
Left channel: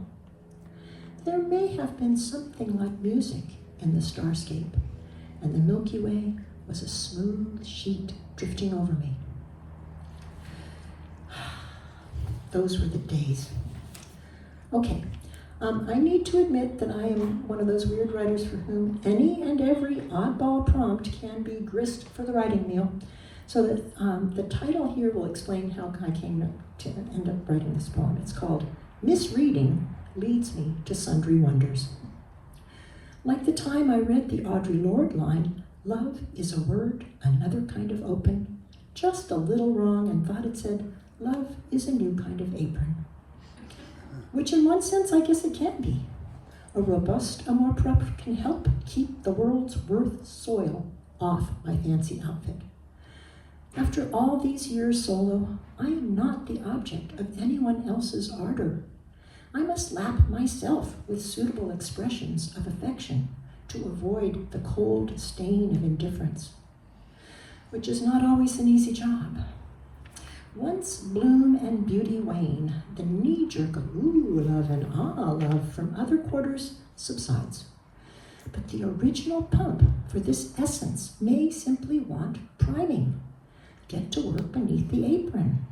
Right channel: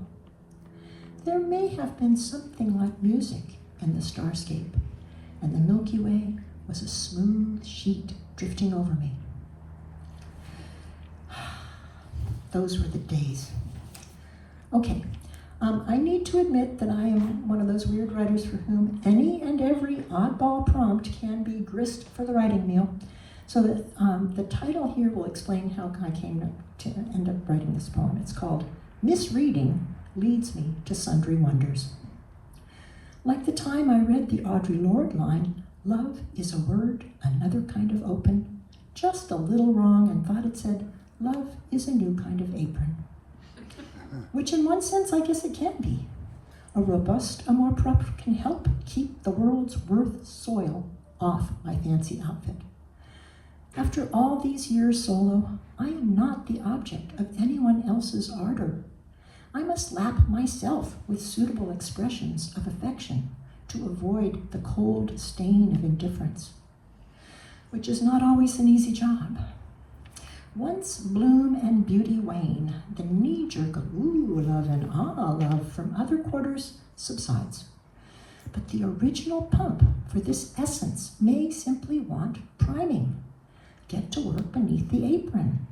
There may have been something like music in the starscape, and the Milky Way was a smooth sheet drifting over me. Those were the days. Okay, I need to admit that I am one of those weird writers for whom any and every oddball prompt can be grist for the writing meal. So that the title here will explain how I came to end up writing this poem. It's called Misreading Leads Me to Sundry Wonders. Like the time I read the Audre Lorde line, love is a word, another kind of open, just a little wrong, and thought it said, love is a new kind of apron. Which in one sense, I guess it can be. A robust amour propre can help keep the world's worth soil off my fancy outfit. After all these years solo, I am not the object of anyone else's ardor. I must lap myself with suitable expressions of affection to avoid the cold stain of indifference, which is not always an easy job. Once bloom and beauty wane, the knee-jerk ooh love and ah love from other quarters subsides. But the original pump for this essence may simply want priming. Get to work beneath the apron.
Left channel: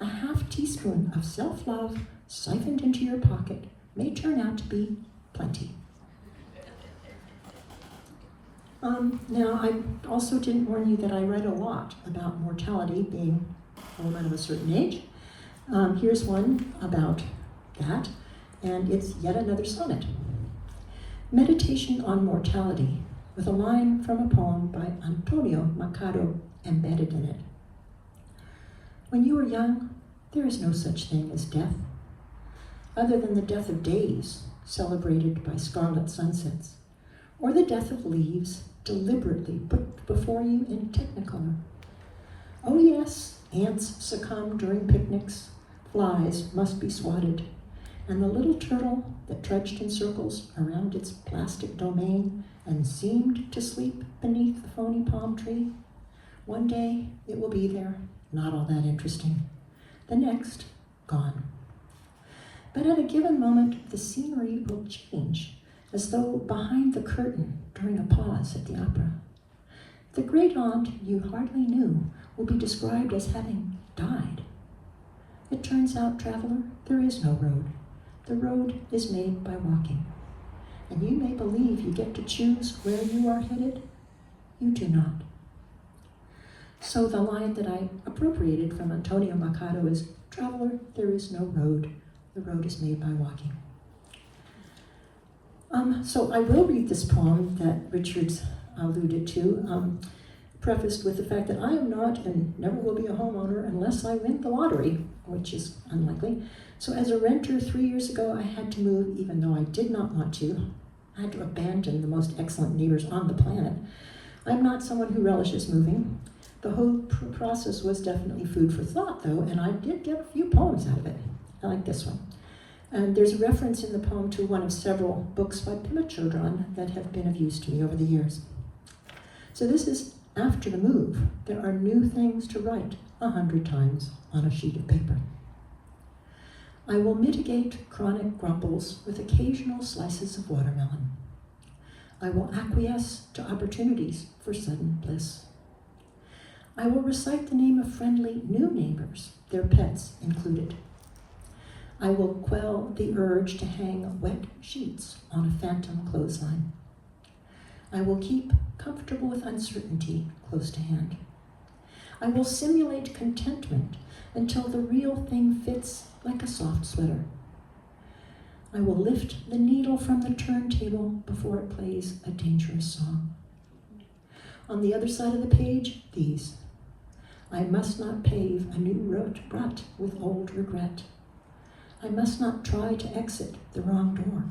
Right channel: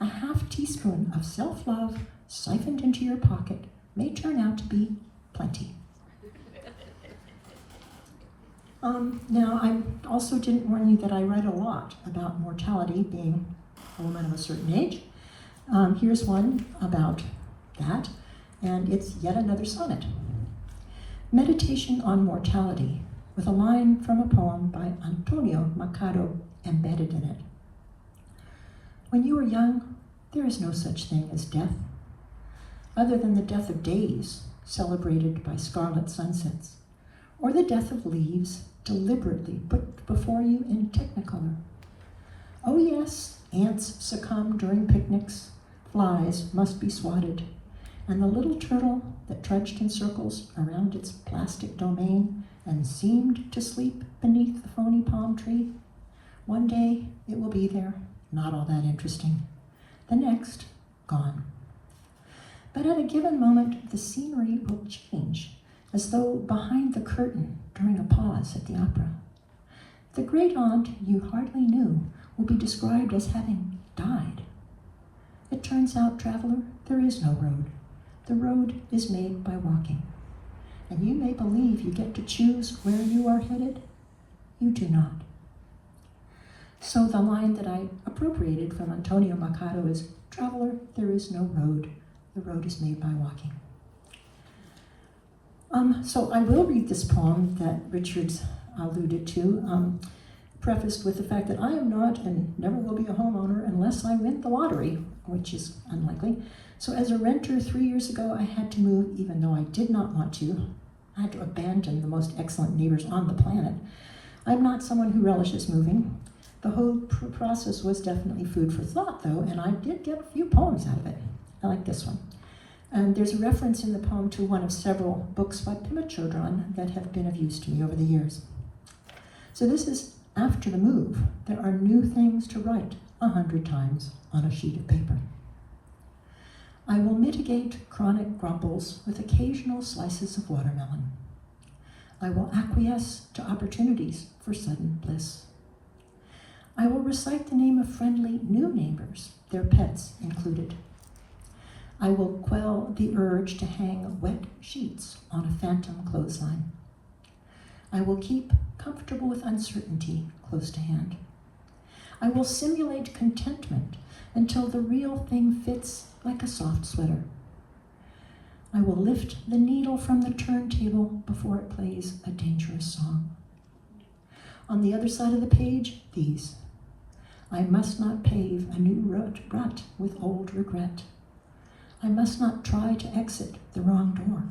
A half teaspoon of self-love siphoned into your pocket may turn out to be plenty. Now, I also didn't warn you that I write a lot about mortality, being a woman of a certain age. Here's one about that, and it's yet another sonnet. Meditation on Mortality, with a line from a poem by Antonio Machado embedded in it. When you are young, there is no such thing as death, other than the death of days celebrated by scarlet sunsets, or the death of leaves deliberately put before you in technicolor. Oh yes, ants succumb during picnics, flies must be swatted, and the little turtle that trudged in circles around its plastic domain and seemed to sleep beneath the phony palm tree, one day it will be there, not all that interesting. The next, gone. But at a given moment, the scenery will change, as though behind the curtain during a pause at the opera. The great aunt you hardly knew will be described as having died. It turns out, traveler, there is no road. The road is made by walking. And you may believe you get to choose where you are headed. You do not. So the line that I appropriated from Antonio Machado is, traveler, there is no road. The road is made by walking. So I will read this poem that Richard's alluded to, prefaced with the fact that I am not and never will be a homeowner unless I win the lottery, which is unlikely. So as a renter 3 years ago, I had to move even though I did not want to. I had to abandon the most excellent neighbors on the planet. I'm not someone who relishes moving. The whole process was definitely food for thought, though, and I did get a few poems out of it. I like this one. And there's a reference in the poem to one of several books by Pema Chodron that have been of use to me over the years. So this is after the move. There are new things to write 100 times on a sheet of paper. I will mitigate chronic grumbles with occasional slices of watermelon. I will acquiesce to opportunities for sudden bliss. I will recite the name of friendly new neighbors, their pets included. I will quell the urge to hang wet sheets on a phantom clothesline. I will keep comfortable with uncertainty close to hand. I will simulate contentment until the real thing fits like a soft sweater. I will lift the needle from the turntable before it plays a dangerous song. On the other side of the page, these. I must not pave a new rut with old regret. I must not try to exit the wrong door.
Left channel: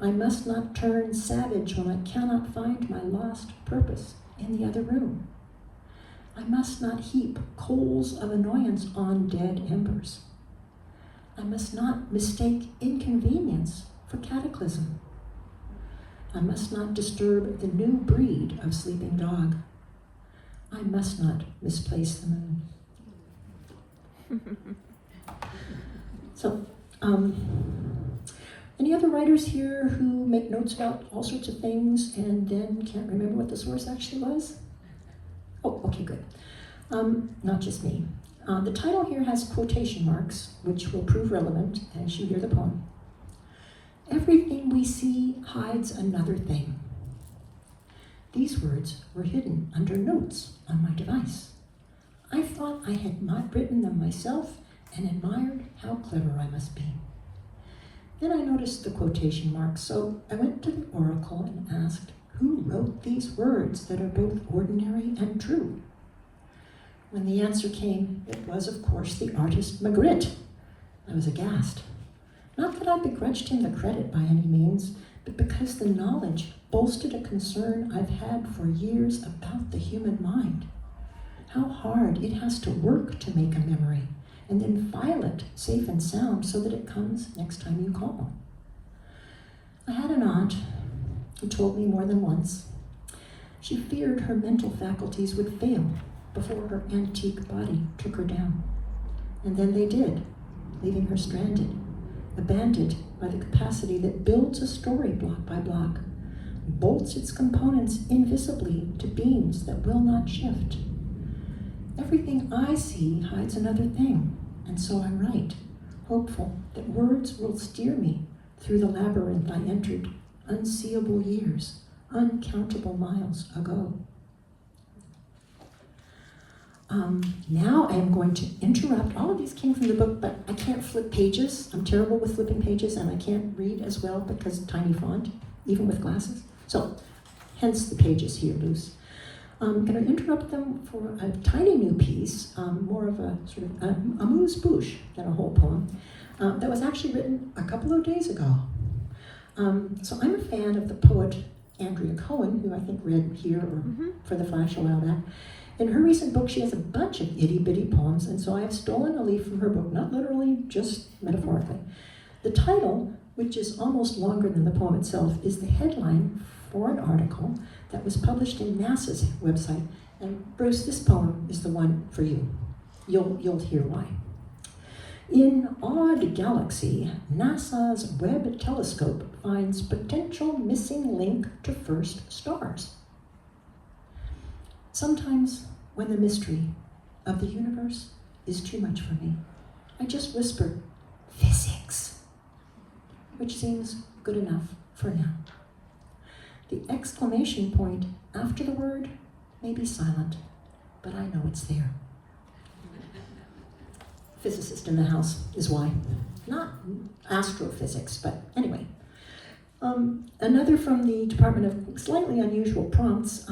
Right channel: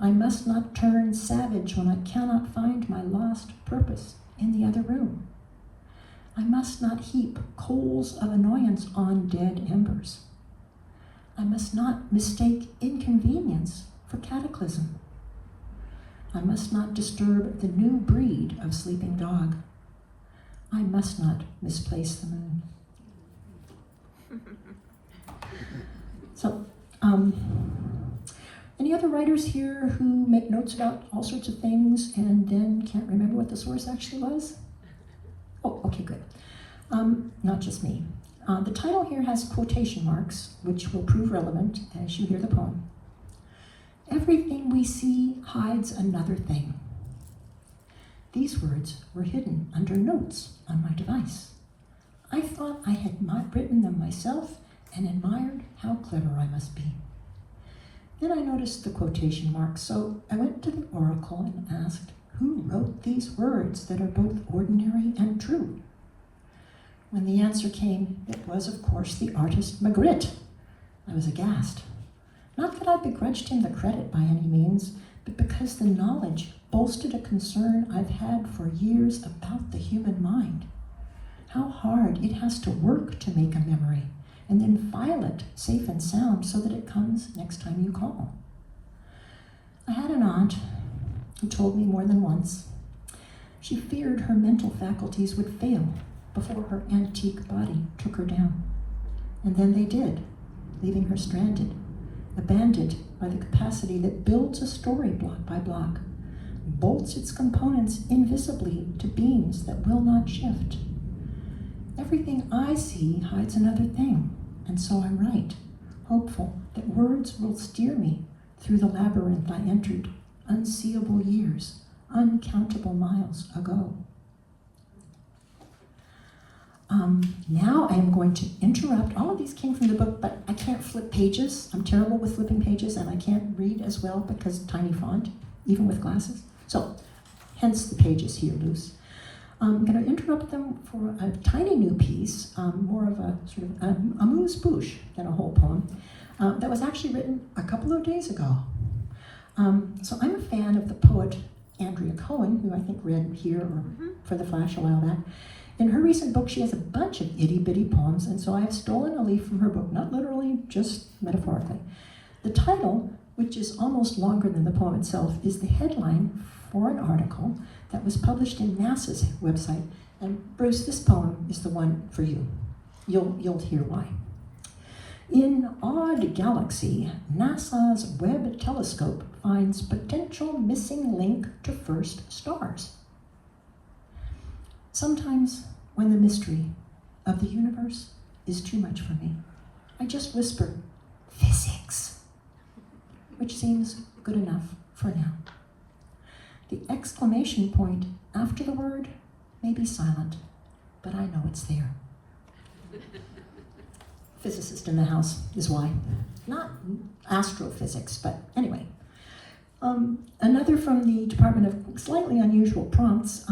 I must not turn savage when I cannot find my lost purpose in the other room. I must not heap coals of annoyance on dead embers. I must not mistake inconvenience for cataclysm. I must not disturb the new breed of sleeping dog. I must not misplace the moon. So, any other writers here who make notes about all sorts of things and then can't remember what the source actually was? Oh, okay, good. Not just me. The title here has quotation marks, which will prove relevant as you hear the poem. Everything we see hides another thing. These words were hidden under notes on my device. I thought I had not written them myself and admired how clever I must be. Then I noticed the quotation marks, so I went to the oracle and asked, who wrote these words that are both ordinary and true? When the answer came, it was, of course, the artist Magritte. I was aghast. Not that I begrudged him the credit by any means, but because the knowledge bolstered a concern I've had for years about the human mind. How hard it has to work to make a memory, and then file it safe and sound so that it comes next time you call. I had an aunt who told me more than once. She feared her mental faculties would fail before her antique body took her down. And then they did, leaving her stranded, abandoned by the capacity that builds a story block by block, bolts its components invisibly to beams that will not shift. Everything I see hides another thing, and so I write, hopeful that words will steer me through the labyrinth I entered unseeable years, uncountable miles ago. Now I am going to interrupt. All of these came from the book, but I can't flip pages. I'm terrible with flipping pages, and I can't read as well because tiny font, even with glasses. So, hence the pages here loose. I'm going to interrupt them for a tiny new piece, more of a sort of amuse-bouche than a whole poem, that was actually written a couple of days ago. So I'm a fan of the poet Andrea Cohen, who I think read here or for the Flash a while back. In her recent book, she has a bunch of itty-bitty poems, and so I have stolen a leaf from her book, not literally, just metaphorically. The title, which is almost longer than the poem itself, is the headline for an article that was published in NASA's website. And Bruce, this poem is the one for you. You'll hear why. In Odd Galaxy, NASA's Webb telescope finds potential missing link to first stars. Sometimes, when the mystery of the universe is too much for me, I just whisper, physics, which seems good enough for now. The exclamation point after the word may be silent, but I know it's there. Physicist in the house is why. Not astrophysics, but anyway. Another from the Department of Slightly Unusual Prompts.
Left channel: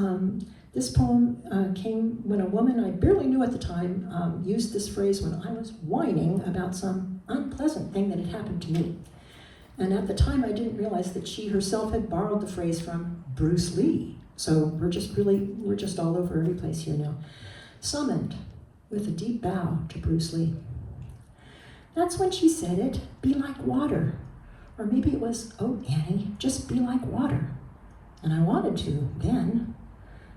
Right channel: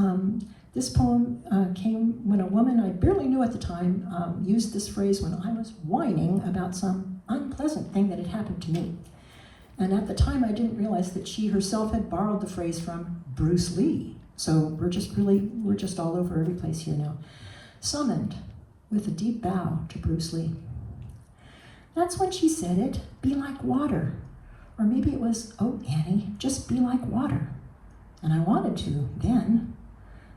This poem came when a woman I barely knew at the time used this phrase when I was whining about some unpleasant thing that had happened to me. And at the time, I didn't realize that she herself had borrowed the phrase from Bruce Lee. So we're just all over every place here now. Summoned with a deep bow to Bruce Lee. That's when she said it, be like water. Or maybe it was, oh, Annie, just be like water. And I wanted to then.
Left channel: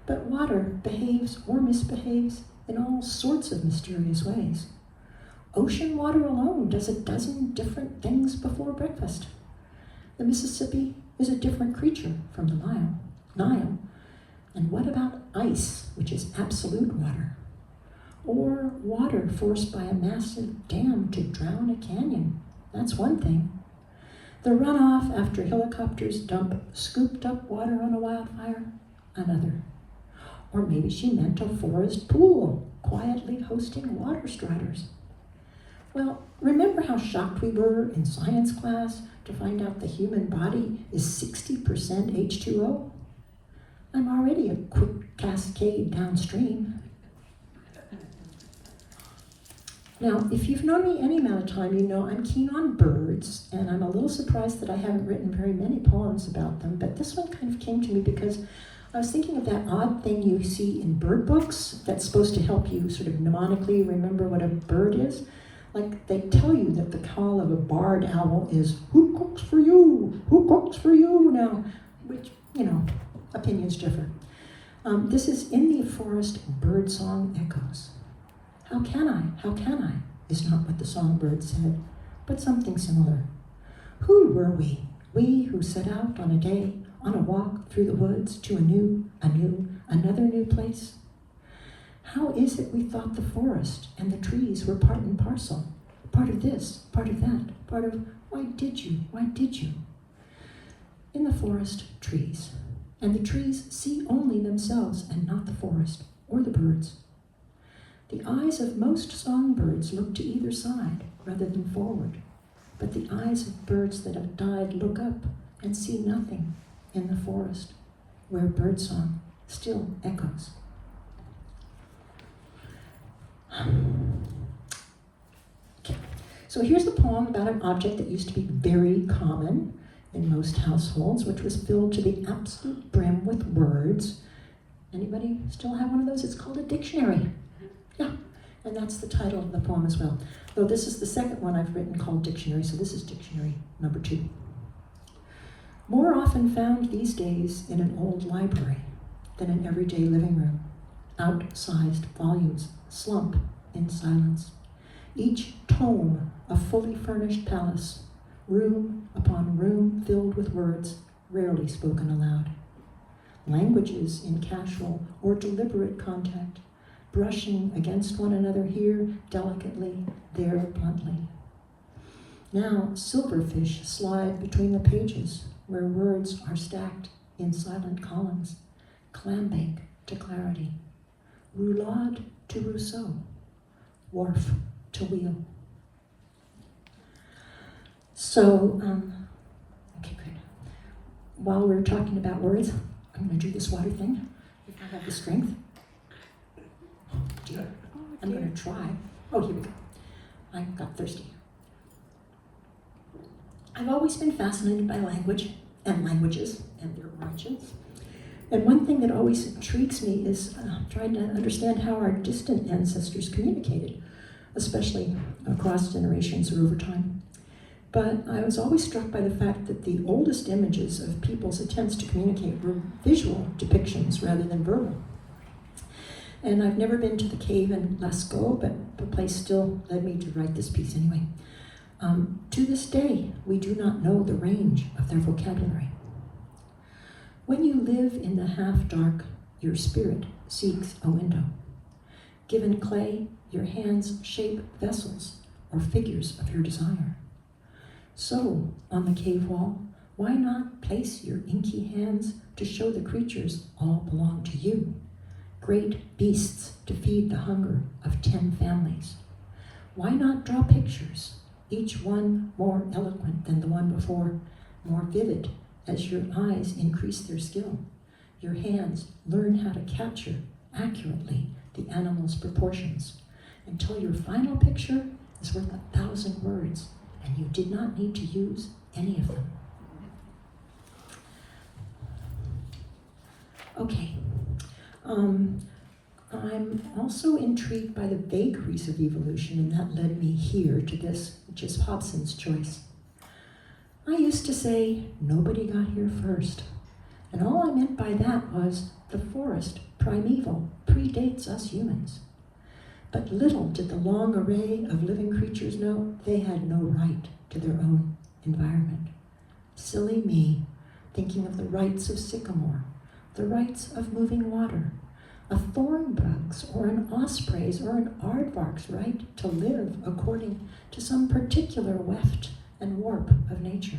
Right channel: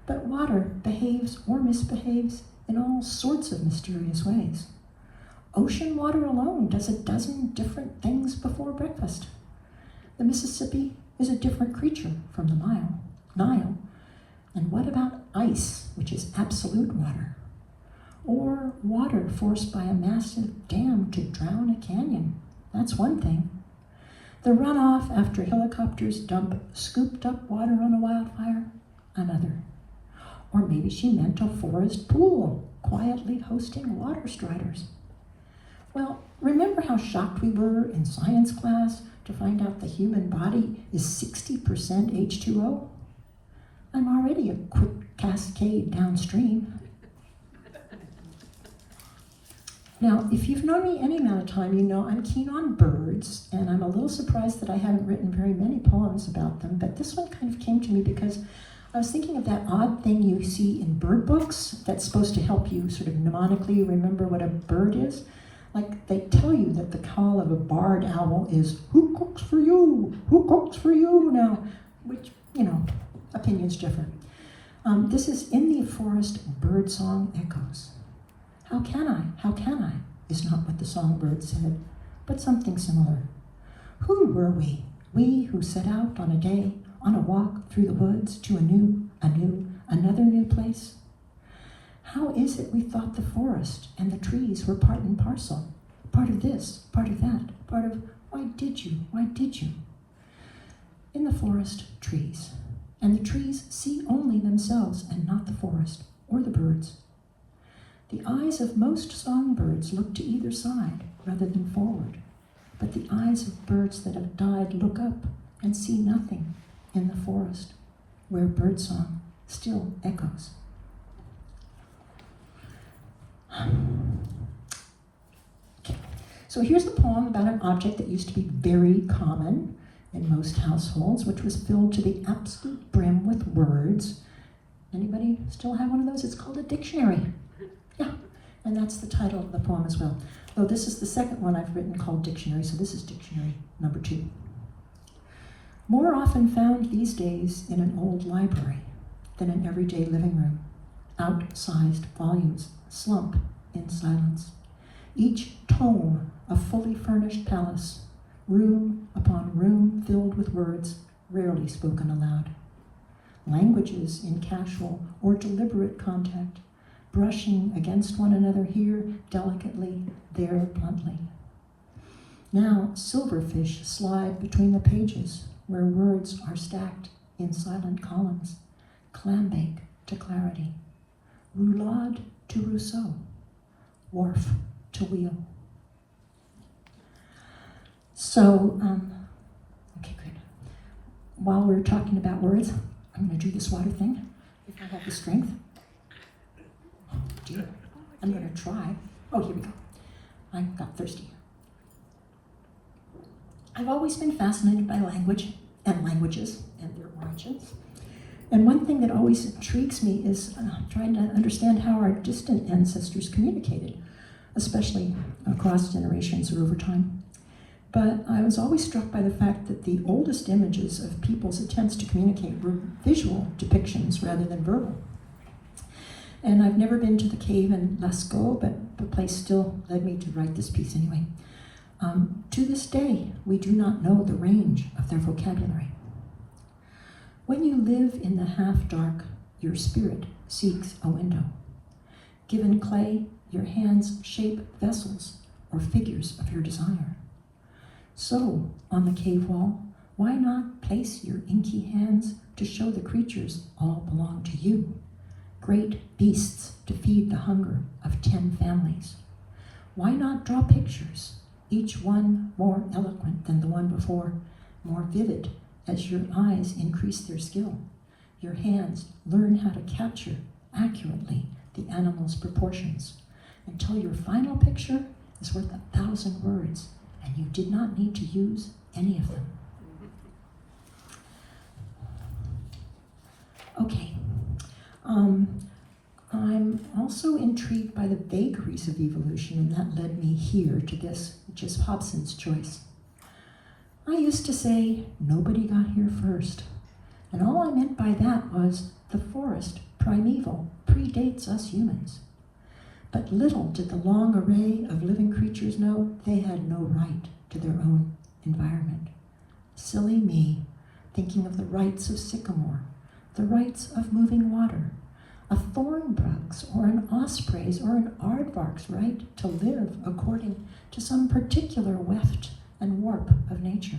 But water behaves or misbehaves in all sorts of mysterious ways. Ocean water alone does a dozen different things before breakfast. The Mississippi is a different creature from the Nile. And what about ice, which is absolute water? Or water forced by a massive dam to drown a canyon? That's one thing. The runoff after helicopters dump scooped up water on a wildfire? Another. Or maybe she meant a forest pool, quietly hosting water striders. Well, remember how shocked we were in science class to find out the human body is 60% H2O? I'm already a quick cascade downstream. Now, if you've known me any amount of time, you know I'm keen on birds, and I'm a little surprised that I haven't written very many poems about them, but this one kind of came to me because I was thinking of that odd thing you see in bird books that's supposed to help you sort of mnemonically remember what a bird is. Like, they tell you that the call of a barred owl is, who cooks for you? Who cooks for you? Now, which, opinions differ. This is in the forest birdsong echoes. How can I, is not what the songbird said, but something similar. Who were we who set out on a day, on a walk through the woods to another new place? How is it we thought the forest and the trees were part and parcel, part of this, part of that, part of why did you? In the forest, trees, and the trees see only themselves and not the forest or the birds. The eyes of most songbirds look to either side rather than forward, but the eyes of birds that have died look up and see nothing in the forest, where birdsong still echoes. Okay. So here's a poem about an object that used to be very common in most households, which was filled to the absolute brim with words. Anybody still have one of those? It's called a dictionary. Yeah, and that's the title of the poem as well. Though this is the second one I've written called Dictionary, so this is dictionary number 2. More often found these days in an old library than an everyday living room. Outsized volumes slump in silence. Each tome a fully furnished palace, room upon room filled with words rarely spoken aloud. Languages in casual or deliberate contact, brushing against one another here delicately, there bluntly. Now silverfish slide between the pages where words are stacked in silent columns, clambake to clarity, roulade to Rousseau, wharf to wheel. So, okay, good. While we're talking about words, I'm going to do this water thing, if I have the strength. Oh, dear. I'm going to try. Oh, here we go. I got thirsty. I've always been fascinated by language and languages and their origins. And one thing that always intrigues me is trying to understand how our distant ancestors communicated, especially across generations or over time. But I was always struck by the fact that the oldest images of people's attempts to communicate were visual depictions rather than verbal. And I've never been to the cave in Lascaux, but the place still led me to write this piece anyway. To this day, we do not know the range of their vocabulary. When you live in the half-dark, your spirit seeks a window. Given clay, your hands shape vessels or figures of your desire. So, on the cave wall, why not place your inky hands to show the creatures all belong to you? Great beasts to feed the hunger of 10 families. Why not draw pictures, each one more eloquent than the one before, more vivid as your eyes increase their skill? Your hands learn how to capture accurately the animal's proportions until your final picture is worth 1,000 words and you did not need to use any of them. Okay. I'm also intrigued by the vagaries of evolution, and that led me here to this which is Hobson's choice. I used to say, nobody got here first. And all I meant by that was the forest, primeval, predates us humans. But little did the long array of living creatures know they had no right to their own environment. Silly me, thinking of the rights of sycamore, the rights of moving water, a thornbug's or an osprey's or an aardvark's right to live according to some particular weft and warp of nature.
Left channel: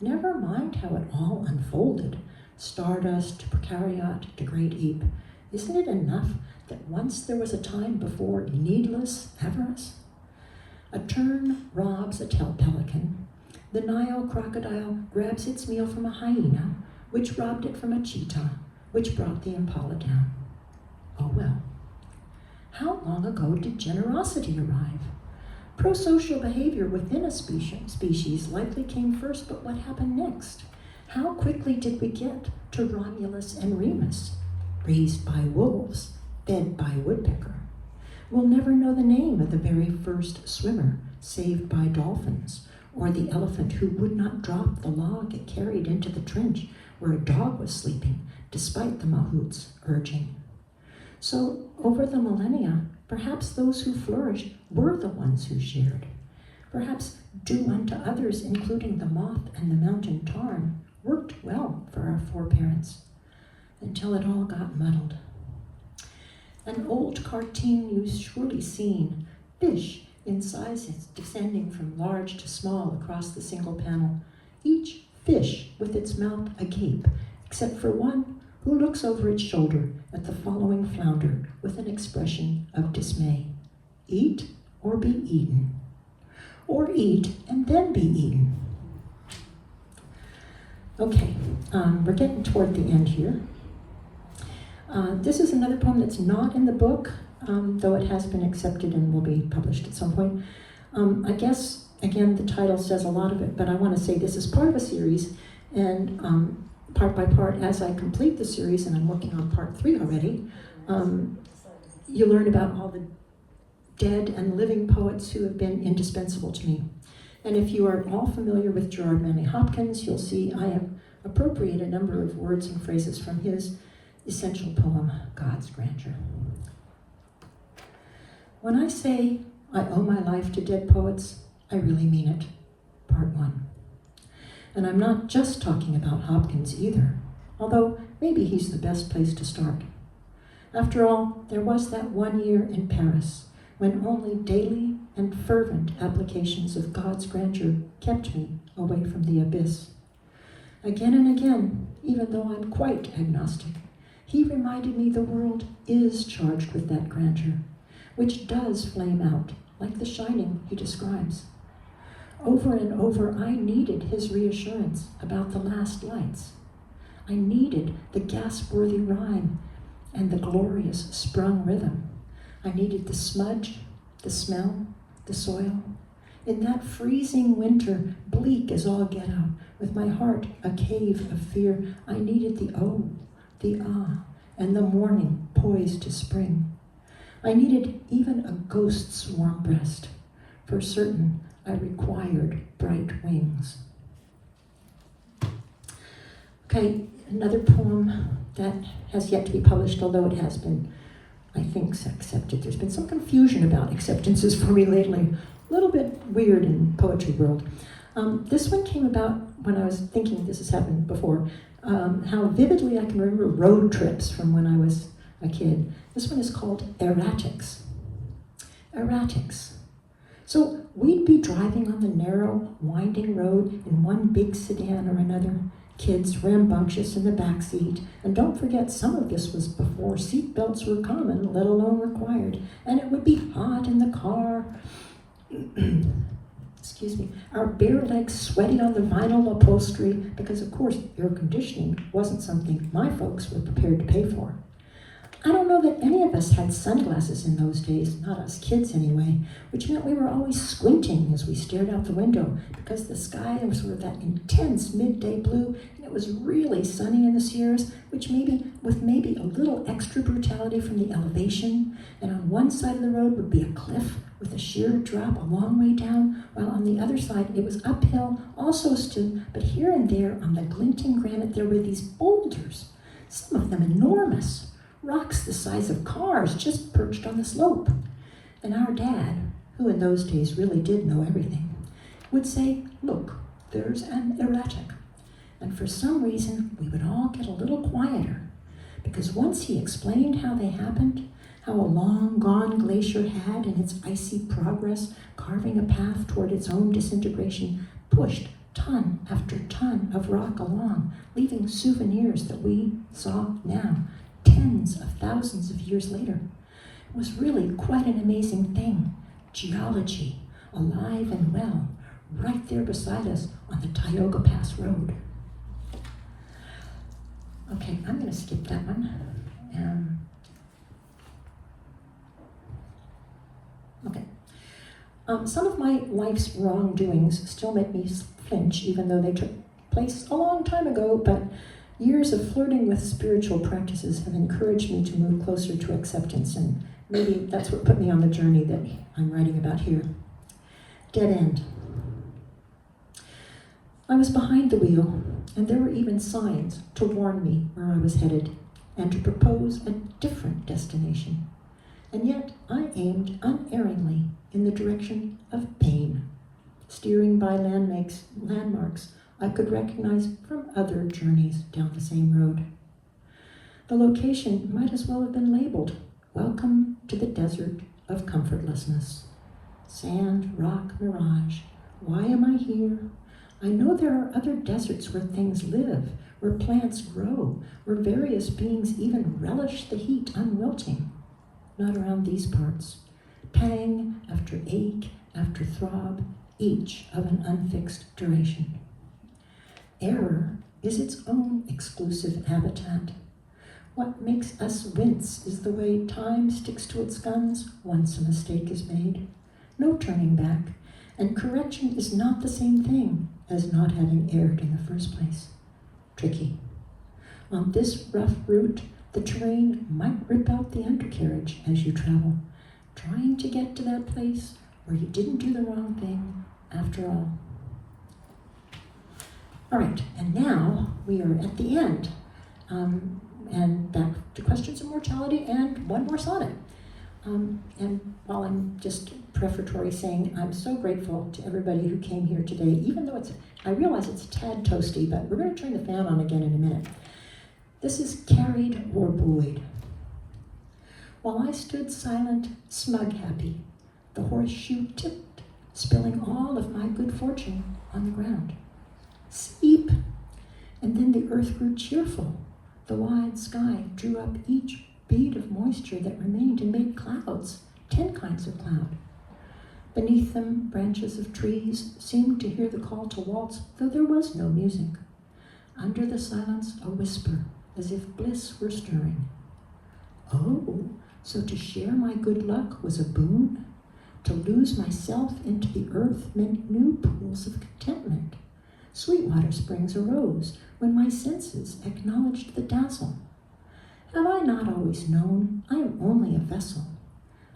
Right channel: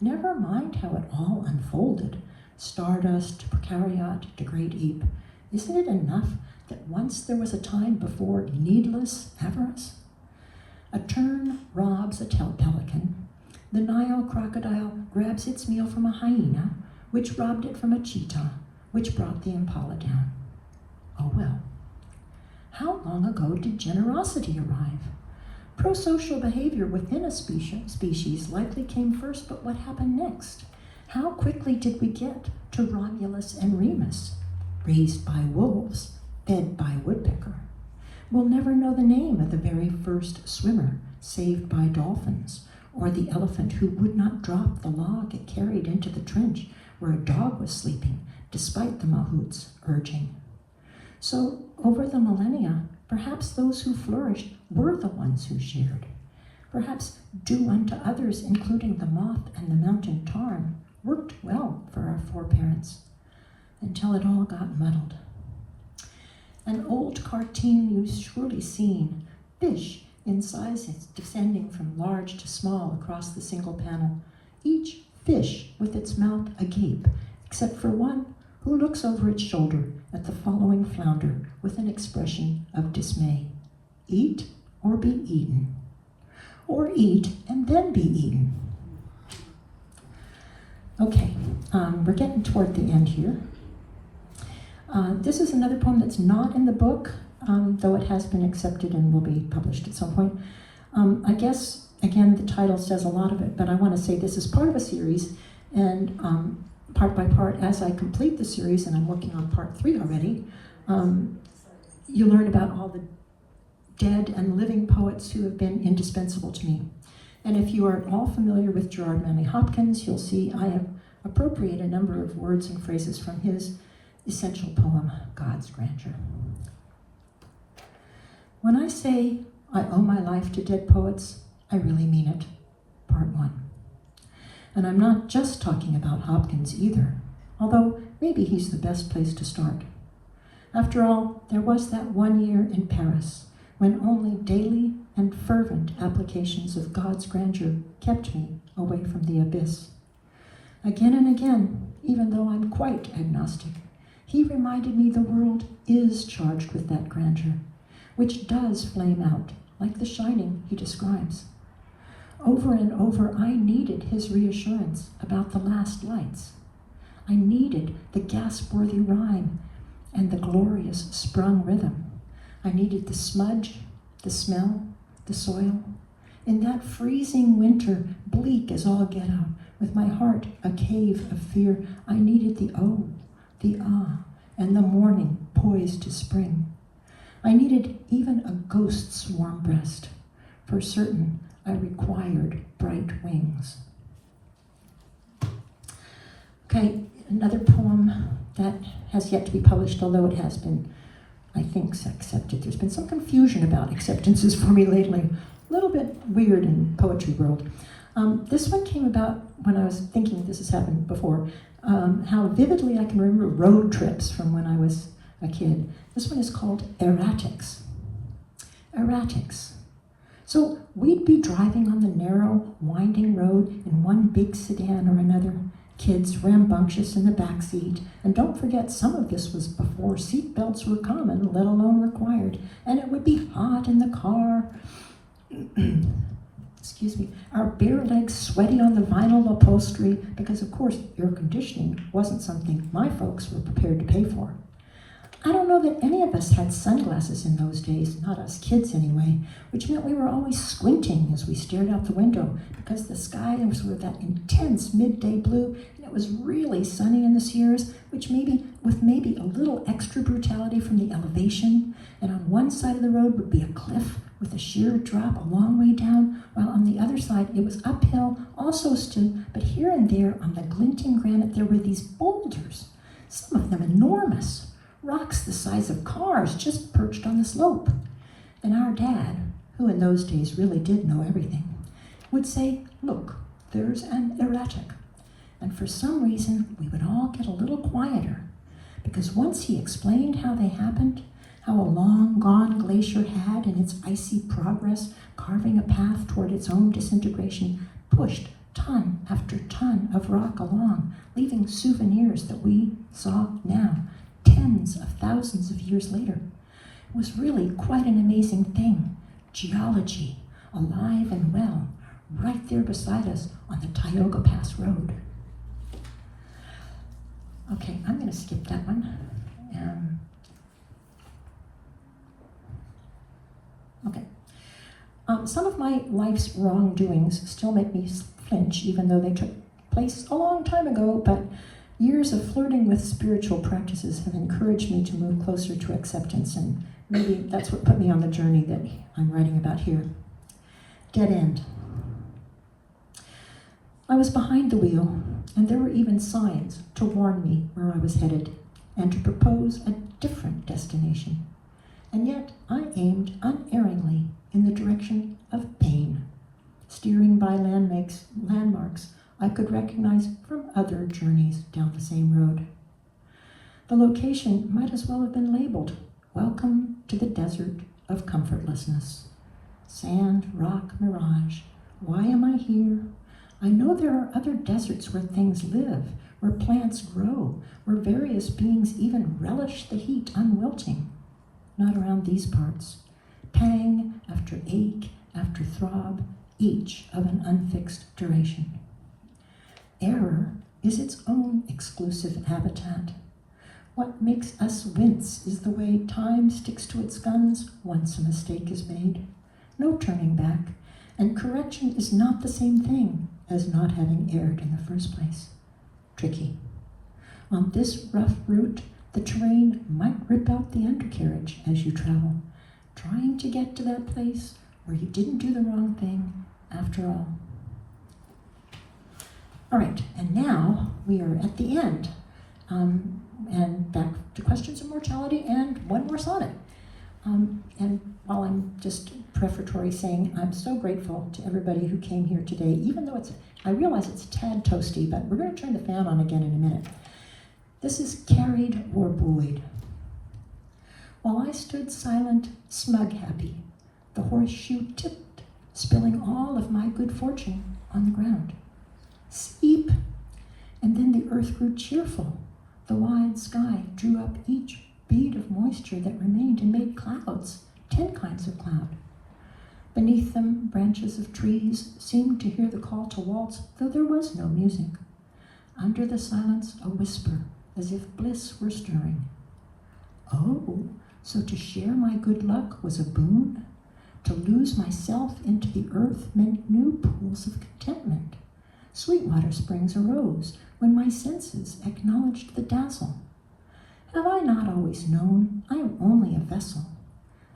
Never mind how it all unfolded, stardust, precariat to great heap. Isn't it enough that once there was a time before needless avarice? A tern robs a pelican. The Nile crocodile grabs its meal from a hyena, which robbed it from a cheetah, which brought the impala down. Oh well. How long ago did generosity arrive? Prosocial behavior within a species likely came first, but what happened next? How quickly did we get to Romulus and Remus, raised by wolves, fed by woodpecker? We'll never know the name of the very first swimmer, saved by dolphins, or the elephant who would not drop the log it carried into the trench where a dog was sleeping, despite the mahout's urging. So, over the millennia, perhaps those who flourished were the ones who shared. Perhaps do unto others, including the moth and the mountain tarn, worked well for our foreparents, until it all got muddled. An old cartoon you've surely seen, fish in sizes descending from large to small across the single panel, each fish with its mouth agape, except for one who looks over its shoulder at the following flounder with an expression of dismay. Eat or be eaten. Or eat and then be eaten. Okay, we're getting toward the end here. This is another poem that's not in the book, though it has been accepted and will be published at some point. I guess, again, the title says a lot of it, but I want to say this is part of a series, and part by part, as I complete the series, and I'm working on part 3 already, you learn about all the dead and living poets who have been indispensable to me. And if you are at all familiar with Gerard Manley Hopkins, you'll see I have appropriated a number of words and phrases from his essential poem, God's Grandeur. When I say I owe my life to dead poets, I really mean it. Part 1. And I'm not just talking about Hopkins either, although maybe he's the best place to start. After all, there was that one year in Paris when only daily and fervent applications of God's grandeur kept me away from the abyss. Again and again, even though I'm quite agnostic, he reminded me the world is charged with that grandeur, which does flame out, like the shining he describes. Over and over, I needed his reassurance about the last lights. I needed the gasp-worthy rhyme and the glorious sprung rhythm. I needed the smudge, the smell, the soil. In that freezing winter, bleak as all get out, with my heart a cave of fear, I needed the oh, the ah, and the morning poised to spring. I needed even a ghost's warm breast. For certain, I required bright wings. Okay, another poem that has yet to be published, although it has been, I think, accepted. There's been some confusion about acceptances for me lately. A little bit weird in poetry world. This one came about when I was thinking, this has happened before, how vividly I can remember road trips from when I was a kid. This one is called Erratics. Erratics. So we'd be driving on the narrow, winding road in one big sedan or another, kids rambunctious in the back seat, and don't forget some of this was before seat belts were common, let alone required, and it would be hot in the car. Excuse me, our bare legs sweaty on the vinyl upholstery, because of course air conditioning wasn't something my folks were prepared to pay for. I don't know that any of us had sunglasses in those days, not us kids anyway, which meant we were always squinting as we stared out the window because the sky was with that intense midday blue, and it was really sunny in the Sierras, which with maybe a little extra brutality from the elevation, and on one side of the road would be a cliff with a sheer drop a long way down, while on the other side it was uphill, also still, but here and there on the glinting granite there were these boulders, some of them enormous, rocks the size of cars just perched on the slope. And our dad, who in those days really did know everything, would say, "Look, there's an erratic." And for some reason, we would all get a little quieter, because once he explained how they happened, how a long-gone glacier had, in its icy progress, carving a path toward its own disintegration, pushed ton after ton of rock along, leaving souvenirs that we saw now, tens of thousands of years later. It was really quite an amazing thing. Geology, alive and well, right there beside us on the Tioga Pass Road. Okay, I'm going to skip that one. Some of my life's wrongdoings still make me flinch, even though they took place a long time ago, but years of flirting with spiritual practices have encouraged me to move closer to acceptance, and maybe that's what put me on the journey that I'm writing about here. Dead end. I was behind the wheel, and there were even signs to warn me where I was headed and to propose a different destination. And yet I aimed unerringly in the direction of pain, steering by landmarks I could recognize from other journeys down the same road. The location might as well have been labeled, "Welcome to the Desert of Comfortlessness." Sand, rock, mirage. Why am I here? I know there are other deserts where things live, where plants grow, where various beings even relish the heat unwilting. Not around these parts. Pang after ache after throb, each of an unfixed duration. Error is its own exclusive habitat. What makes us wince is the way time sticks to its guns once a mistake is made. No turning back, and correction is not the same thing as not having erred in the first place. Tricky. On this rough route, the terrain might rip out the undercarriage as you travel, trying to get to that place where you didn't do the wrong thing after all. All right, and now we are at the end. And back to questions of mortality and one more sonnet. And while I'm just prefatory saying I'm so grateful to everybody who came here today, even though I realize it's a tad toasty, but we're going to turn the fan on again in a minute. This is carried or buoyed. While I stood silent, smug happy, the horseshoe tipped, spilling all of my good fortune on the ground. Steep, and then the earth grew cheerful. The wide sky drew up each bead of moisture that remained and made clouds, 10 kinds of cloud. Beneath them, branches of trees seemed to hear the call to waltz, though there was no music. Under the silence, a whisper, as if bliss were stirring. Oh, so to share my good luck was a boon? To lose myself into the earth meant new pools of contentment. Sweetwater springs arose when my senses acknowledged the dazzle. Have I not always known I am only a vessel?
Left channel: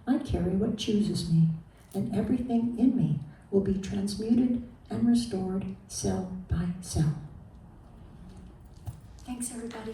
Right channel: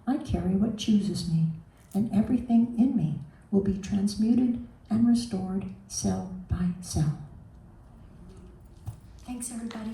I carry what chooses me, and everything in me will be transmuted and restored cell by cell. Thanks, everybody.